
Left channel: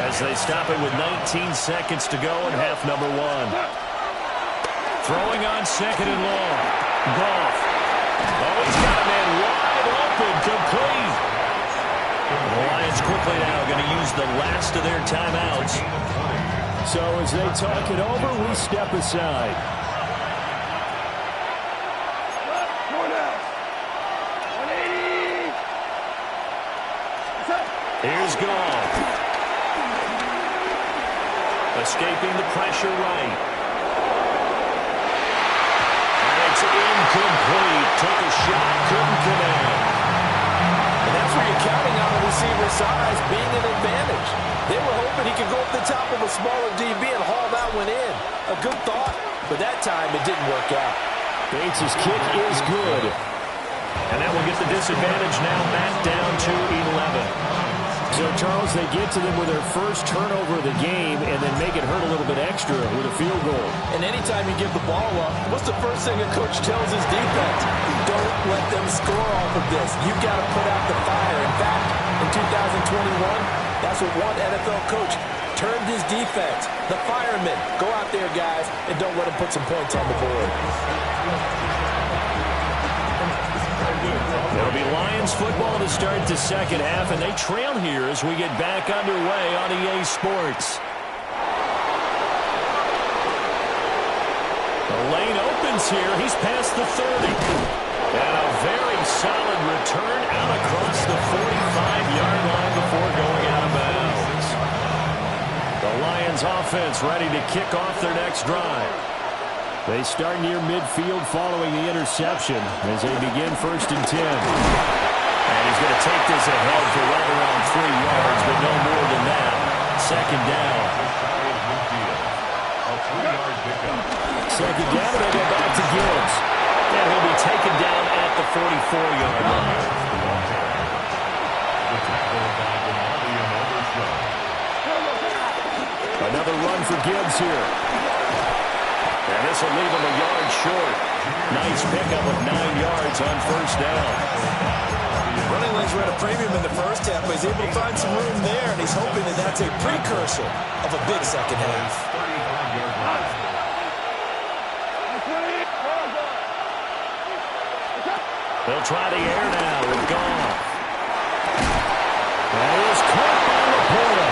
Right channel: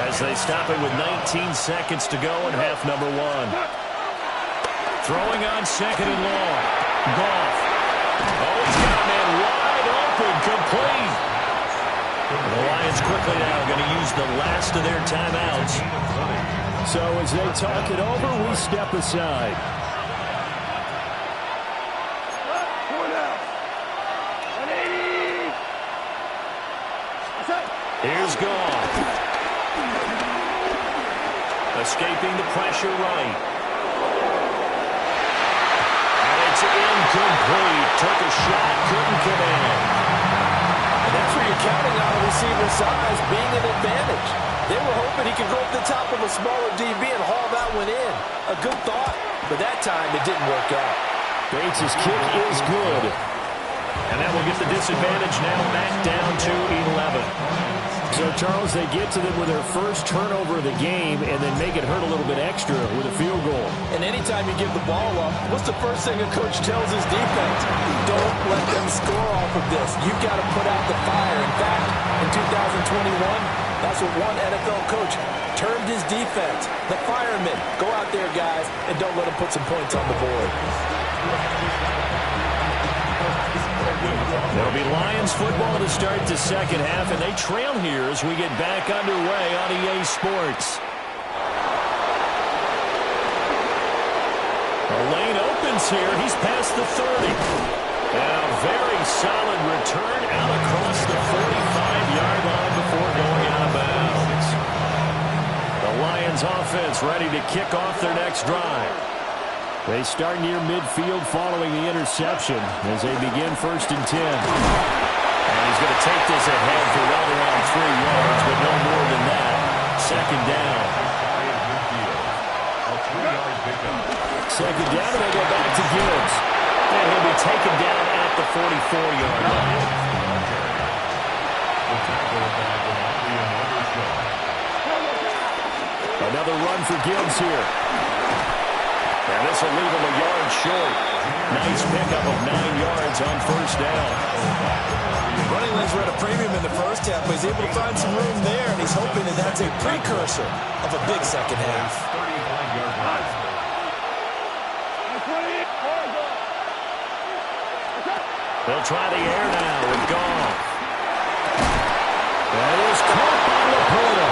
as they stop it with 19 seconds to go in half number 1. Throwing on 2nd and long. Goff. Oh, he's got a man wide open, complete. The Lions quickly now going to use the last of their timeouts. So as they talk it over, we step aside. Here's Goff. Escaping the pressure right. And it's incomplete. Took a shot, couldn't connect. And that's where you're counting on a receiver's size being an advantage. They were hoping he could go up the top of a smaller DB and haul that one in. A good thought, but that time it didn't work out. Bates' kick is good. And that will get the disadvantage now back down to 11. So, Charles, they get to them with their first turnover of the game and then make it hurt a little bit extra with a field goal. And anytime you give the ball up, what's the first thing a coach tells his defense? Don't let them score off of this. You've got to put out the fire. In fact, in 2021, that's what one NFL coach termed his defense. The firemen. Go out there, guys, and don't let them put some points on the board. It'll be Lions football to start the second half, and they trail here as we get back underway on EA Sports. The lane opens here. He's past the 30. And a very solid return out across the 45-yard line before going out of bounds. The Lions offense ready to kick off their next drive. They start near midfield following the interception as they begin 1st and 10. And he's going to take this ahead for right around 3 yards, but no more than that. 2nd down. second down, and they go back to Gibbs. And he'll be taken down at the 44-yard line. The tackle by DeMarvion Overshown. Another run for Gibbs here. And this will leave him a yard short. Nice pickup of 9 yards on first down. Running lanes were at a premium in the first half, but he's able to find some room there, and he's hoping that that's a precursor of a big second half. 35-yard line. They'll try the air now with Goff. That is caught by Laporta.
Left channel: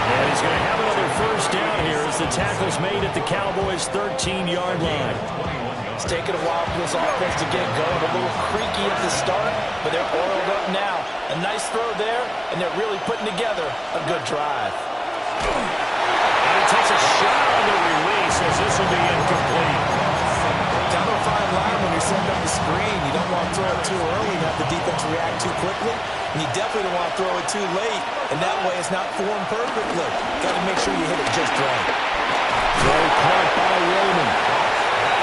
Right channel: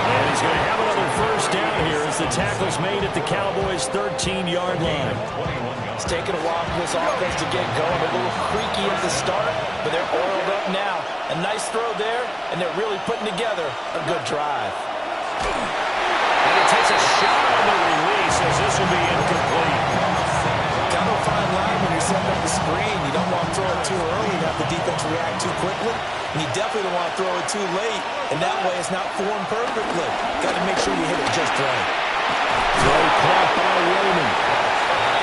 And he's going to have another first down here as the tackle's made at the Cowboys' 13-yard line. It's taken a while for this offense to get going. A little creaky at the start, but they're oiled up now. A nice throw there, and they're really putting together a good drive. And he takes a shot on the release as this will be incomplete. Kind of a fine line when you're setting up the screen. You don't want to throw it too early and have the defense react too quickly. And you definitely don't want to throw it too late, and that way it's not formed perfectly. Got to make sure you hit it just right. Throw caught by Raymond.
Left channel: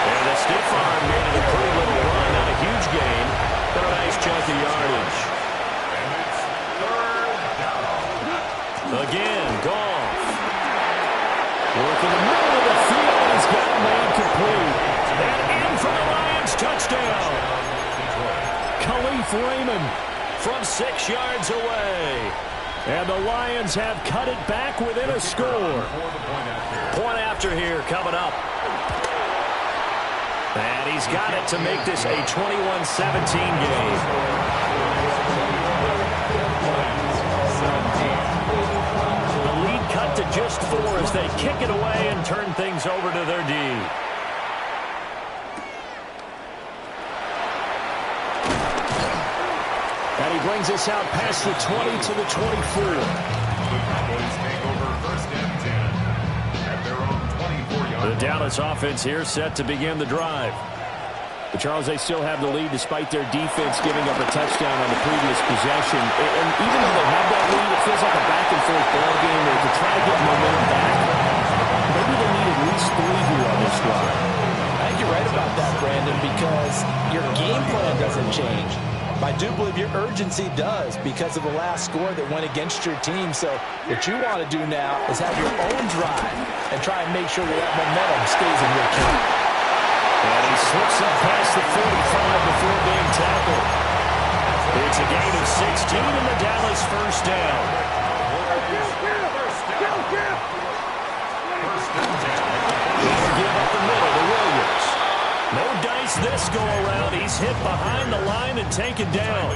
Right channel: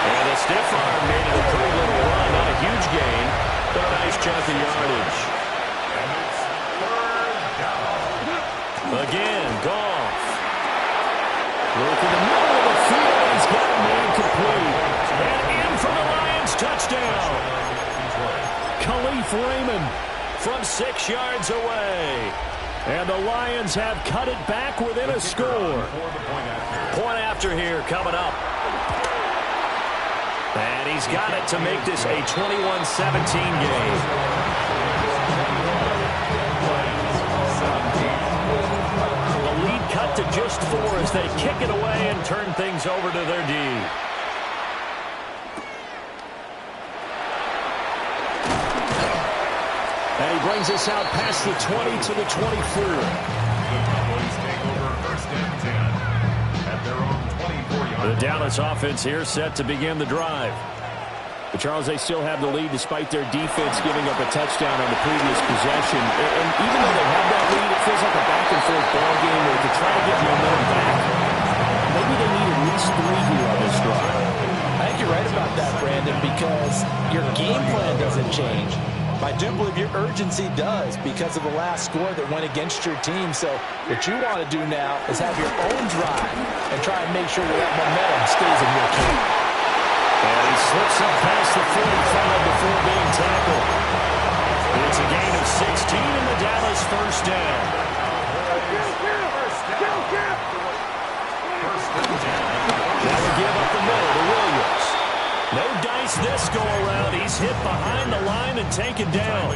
And the stiff arm made it a pretty little run. Not a huge gain, but a nice chunk of yardage. And it's third down. Again, Goff. Look in the middle of the field, and he's got a man complete. And in for the Lions, touchdown. Khalif Raymond from 6 yards away. And the Lions have cut it back within a score. Point after here coming up. And he's got it to make this a 21-17 game. The lead cut to just 4 as they kick it away and turn things over to their D. And he brings us out past the 20 to the 24. The Cowboys take over first and 10 at their own 24-yard line. The Dallas offense here set to begin the drive. But, Charles, they still have the lead despite their defense giving up a touchdown on the previous possession. And even though they have that lead, it feels like a back-and-forth ball game where to try to get momentum back, maybe they need at least 3 here on this drive. I think you're right about that, Brandon, because your game plan doesn't change. I do believe your urgency does because of the last score that went against your team. So what you want to do now is have your own drive and try and make sure that momentum stays in your camp. And he slips up past the 45 before being tackled. It's a gain of 16 in the Dallas first down. That would give up the middle to Williams. No dice this go-around. He's hit behind the line and taken down.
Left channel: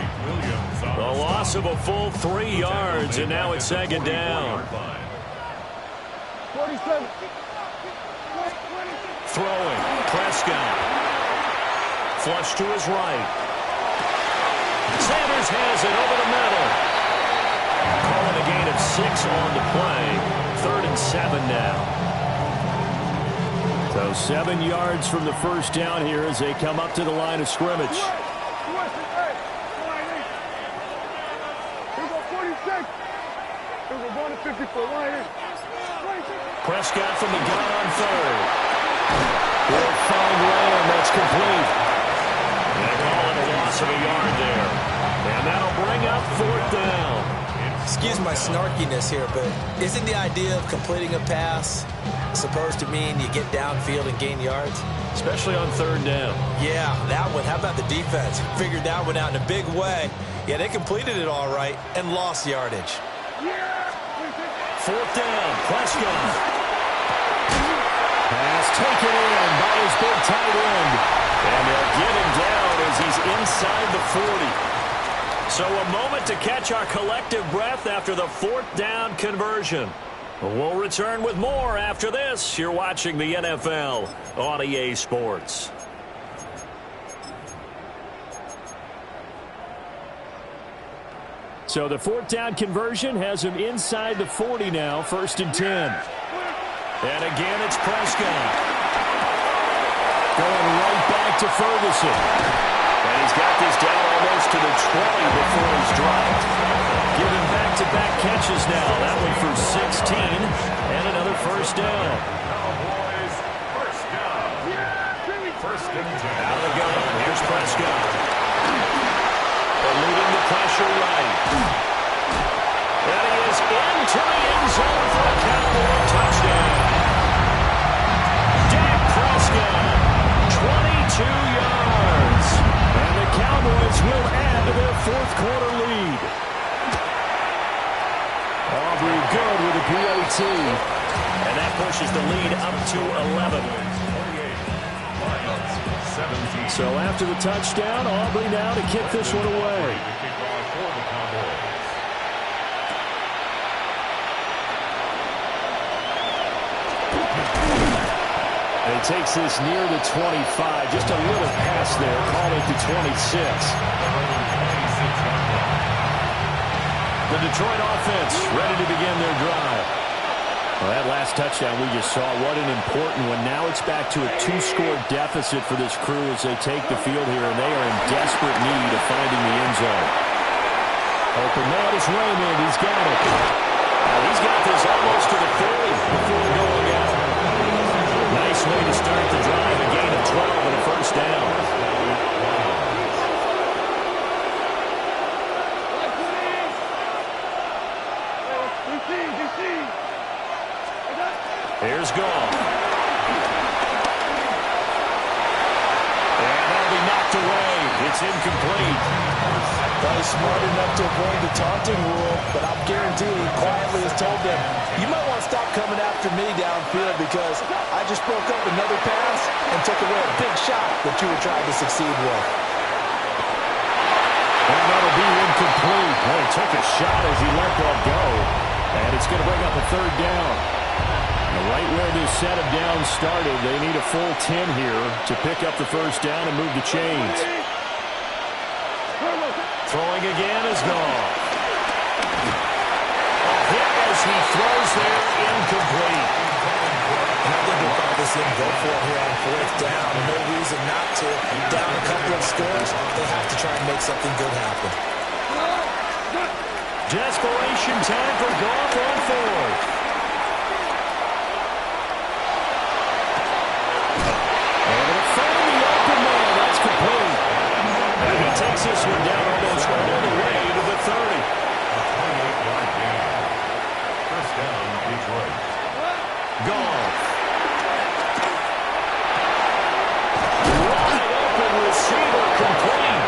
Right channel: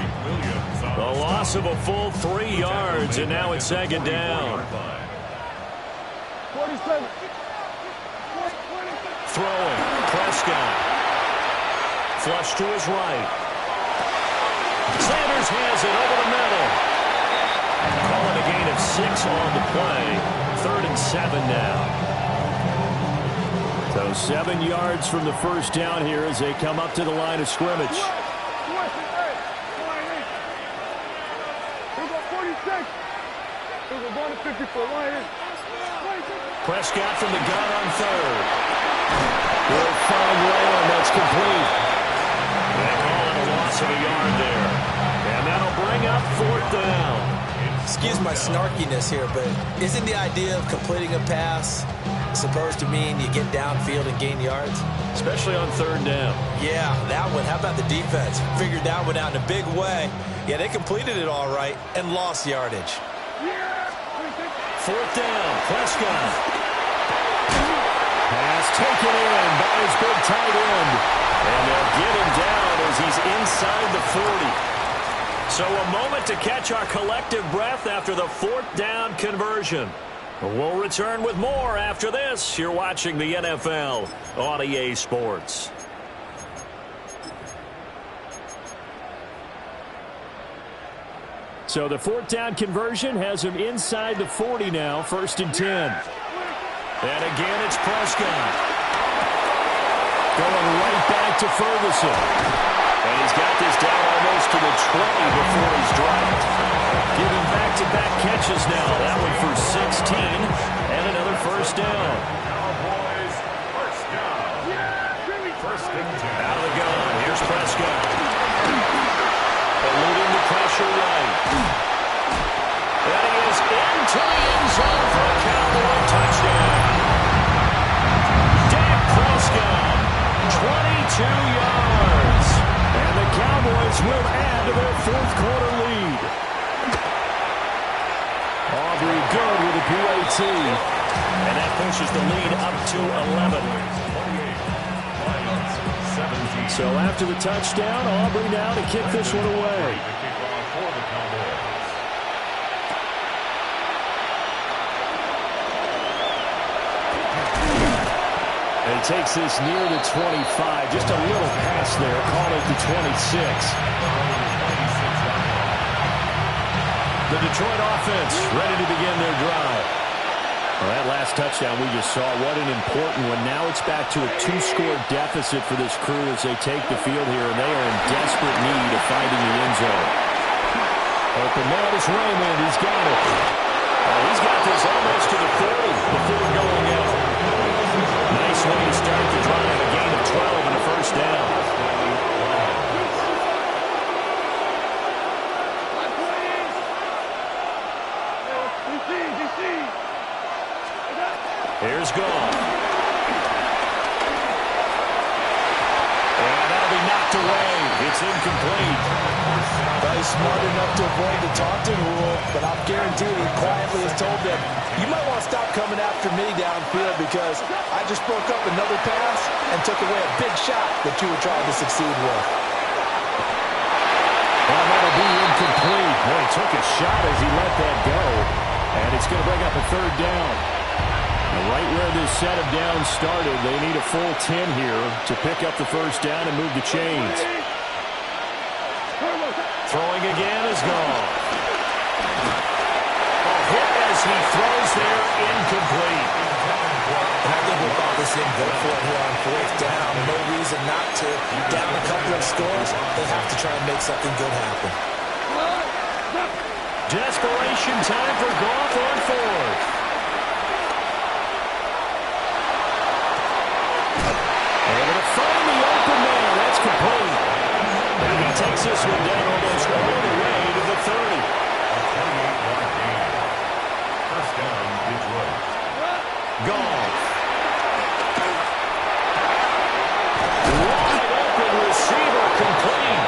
The loss of a full 3 yards, and now it's second down. 47. Throwing, Prescott. Flush to his right. Sanders has it over the middle. Calling a gain of 6 on the play. 3rd and 7 now. So 7 yards from the first down here as they come up to the line of scrimmage. Here we go, 46. Here we go, going to 54. Prescott from the gun on 3rd. He'll find Lamb. That's complete. They call it a loss of a yard there. And that'll bring up 4th down. Excuse my snarkiness here, but isn't the idea of completing a pass supposed to mean you get downfield and gain yards? Especially on 3rd down. Yeah, that one. How about the defense? Figured that one out in a big way. Yeah, they completed it all right and lost yardage. 4th down, Prescott. Pass taken in by his big tight end. And they'll get him down as he's inside the 40. So a moment to catch our collective breath after the 4th down conversion. We'll return with more after this. You're watching the NFL on EA Sports. So the 4th down conversion has him inside the 40 now, 1st and 10. And again, it's Prescott. Going right back to Ferguson. And he's got this down almost to the 20 before he's dropped. Giving back-to-back catches now. That one for 16 and another first down. Cowboys first down. First and 10. Out of the gun. Here's Prescott. Eluding the pressure right. And he is into the end zone for a Cowboy touchdown. Dak Prescott, 22 yards. And the Cowboys will add to their fourth quarter lead. Aubrey good with a PAT. And that pushes the lead up to 11. 28. Lions 17. So after the touchdown, Aubrey now to kick this one away. The kickoff for the Cowboys. And he takes this near the 25. Just a little pass there. Call it the 26. The Detroit offense ready to begin their drive. Well, that last touchdown we just saw, what an important one. Now it's back to a 2-score deficit for this crew as they take the field here, and they are in desperate need of finding the end zone. Open man is Raymond. He's got it. He's got this almost to the 40 before going out. Nice way to start the drive. A gain of 12 and a first down. Here's Goff. And that'll be knocked away. It's incomplete. He's smart enough to avoid the taunting rule, but I'm guaranteed he quietly has told them, you might want to stop coming after me downfield because I just broke up another pass and took away a big shot that you were trying to succeed with. And that'll be incomplete. Well, he took a shot as he let that go. And it's going to bring up a third down. Now, right where this set of downs started, they need a full 10 here to pick up the first down and move the chains. Throwing again is Goff. Hit as he throws there, incomplete. And I think with all this in, go for it here on fourth down. No reason not to. Down a couple of scores, they have to try and make something good happen. Desperation time for Goff on fourth. Able to find the open man. That's complete. And he takes this one down almost all the way to the 30. A 28-yard gain. First down, Detroit. Goff. Wide open receiver, complete.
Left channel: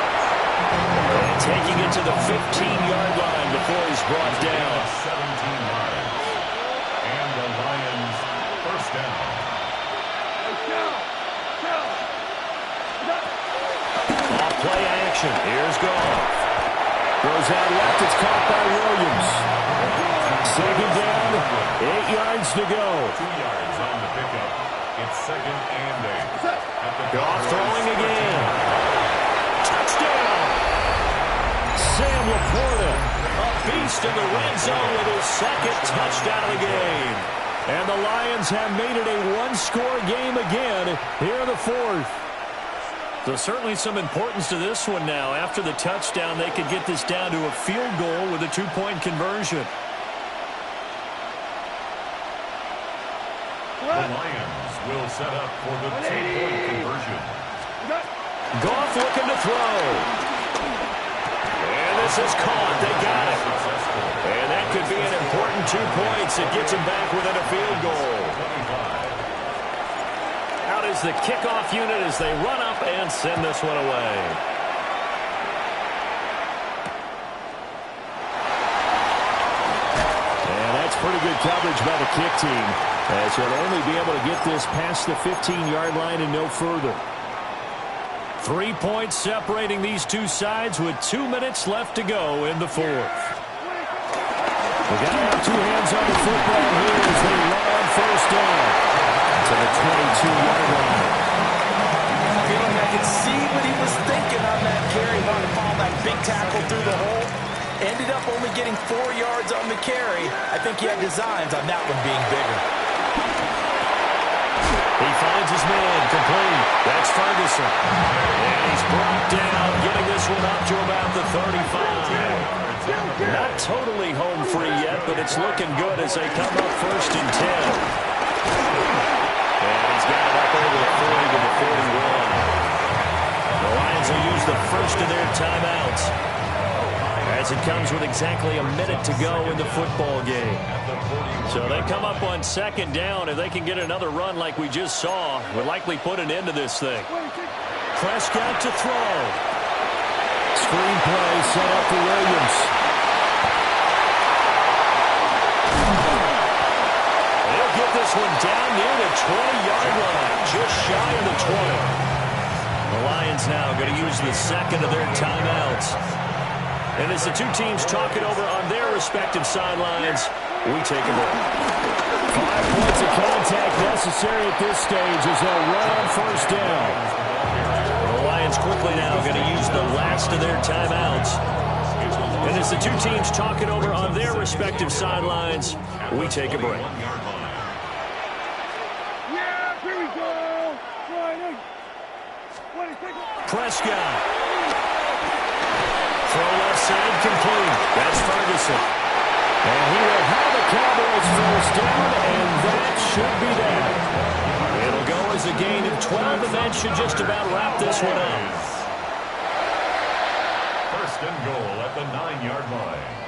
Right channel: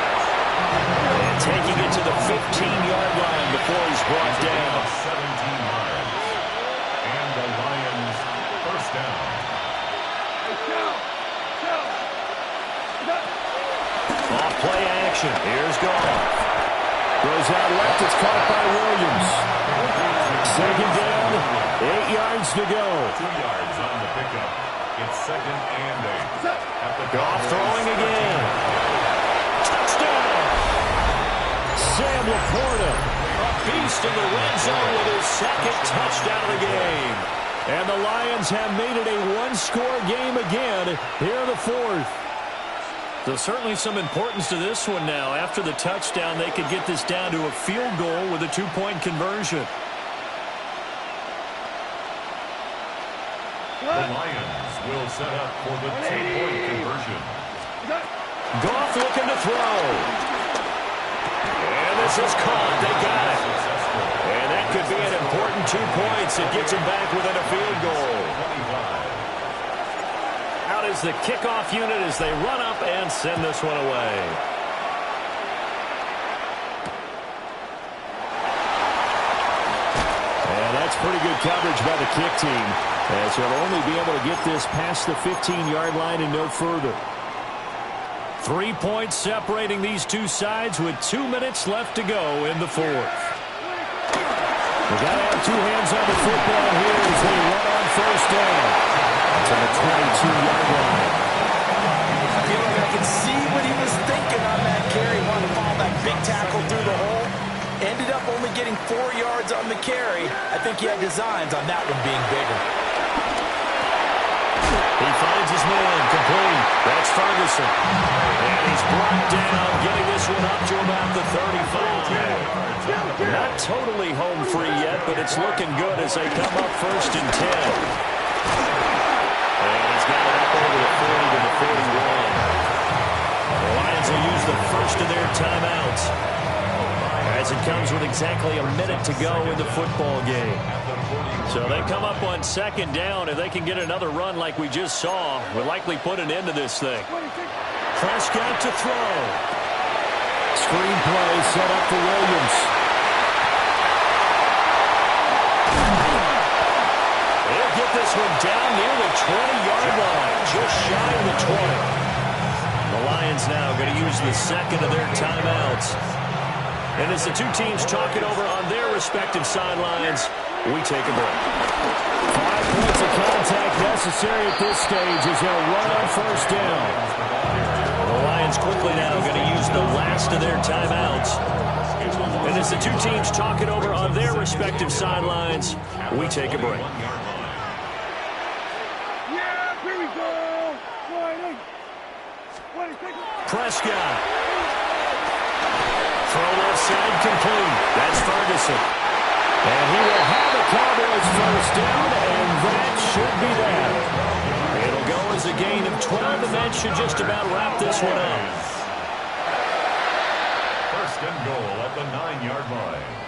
And taking it to the 15-yard line before he's brought down. 17 yards. And the Lions first down. Off play action. Here's Goff. Throws out left. It's caught by Williams. Second down. 8 yards to go. 2 yards on the pickup. It's second and 8. Goff throwing again. Touchdown. Sam Laporta, a beast in the red zone with his second touchdown of the game. And the Lions have made it a one-score game again here in the fourth. So certainly some importance to this one now. After the touchdown, they could get this down to a field goal with a two-point conversion. The Lions will set up for the two-point conversion. Goff looking to throw. And this is caught. They got it. And that could be an important 2 points. It gets them back within a field goal. 25. Out is the kickoff unit as they run up and send this one away. And that's pretty good coverage by the kick team, as he'll only be able to get this past the 15-yard line and no further. 3 points separating these two sides with 2 minutes left to go in the fourth. We got to have two hands on the football here as they run on first down to the 22-yard line. I feel like I can see what he was thinking on that carry. Wanted to follow that big tackle through the hole. Ended up only getting 4 yards on the carry. I think he had designs on that one being bigger. He finds his man, complete. That's Ferguson. And he's brought down, getting this one up to about the 35. Not totally home free yet, but it's looking good as they come up first and 10. And he's got it up over the 40 to the 41. will use the first of their timeouts, as it comes with exactly a minute to go in the football game. So they come up on second down. If they can get another run like we just saw, we'll likely put an end to this thing. Prescott to throw. Screen play set up for Williams. He'll get this one down near the 20-yard line, just shy of the 20. The Lions now going to use the second of their timeouts. And as the two teams talk it over on their respective sidelines, we take a break. 5 points of contact necessary at this stage as they'll run on first down. The Lions quickly now going to use the last of their timeouts. And as the two teams talk it over on their respective sidelines, we take a break. Yeah, here we go. Prescott. Throw left side complete. That's Ferguson. And he will have a Cowboys first down, and that should be that. It'll go as a gain of 12, and that should just about wrap this one up. First and goal at the 9-yard line.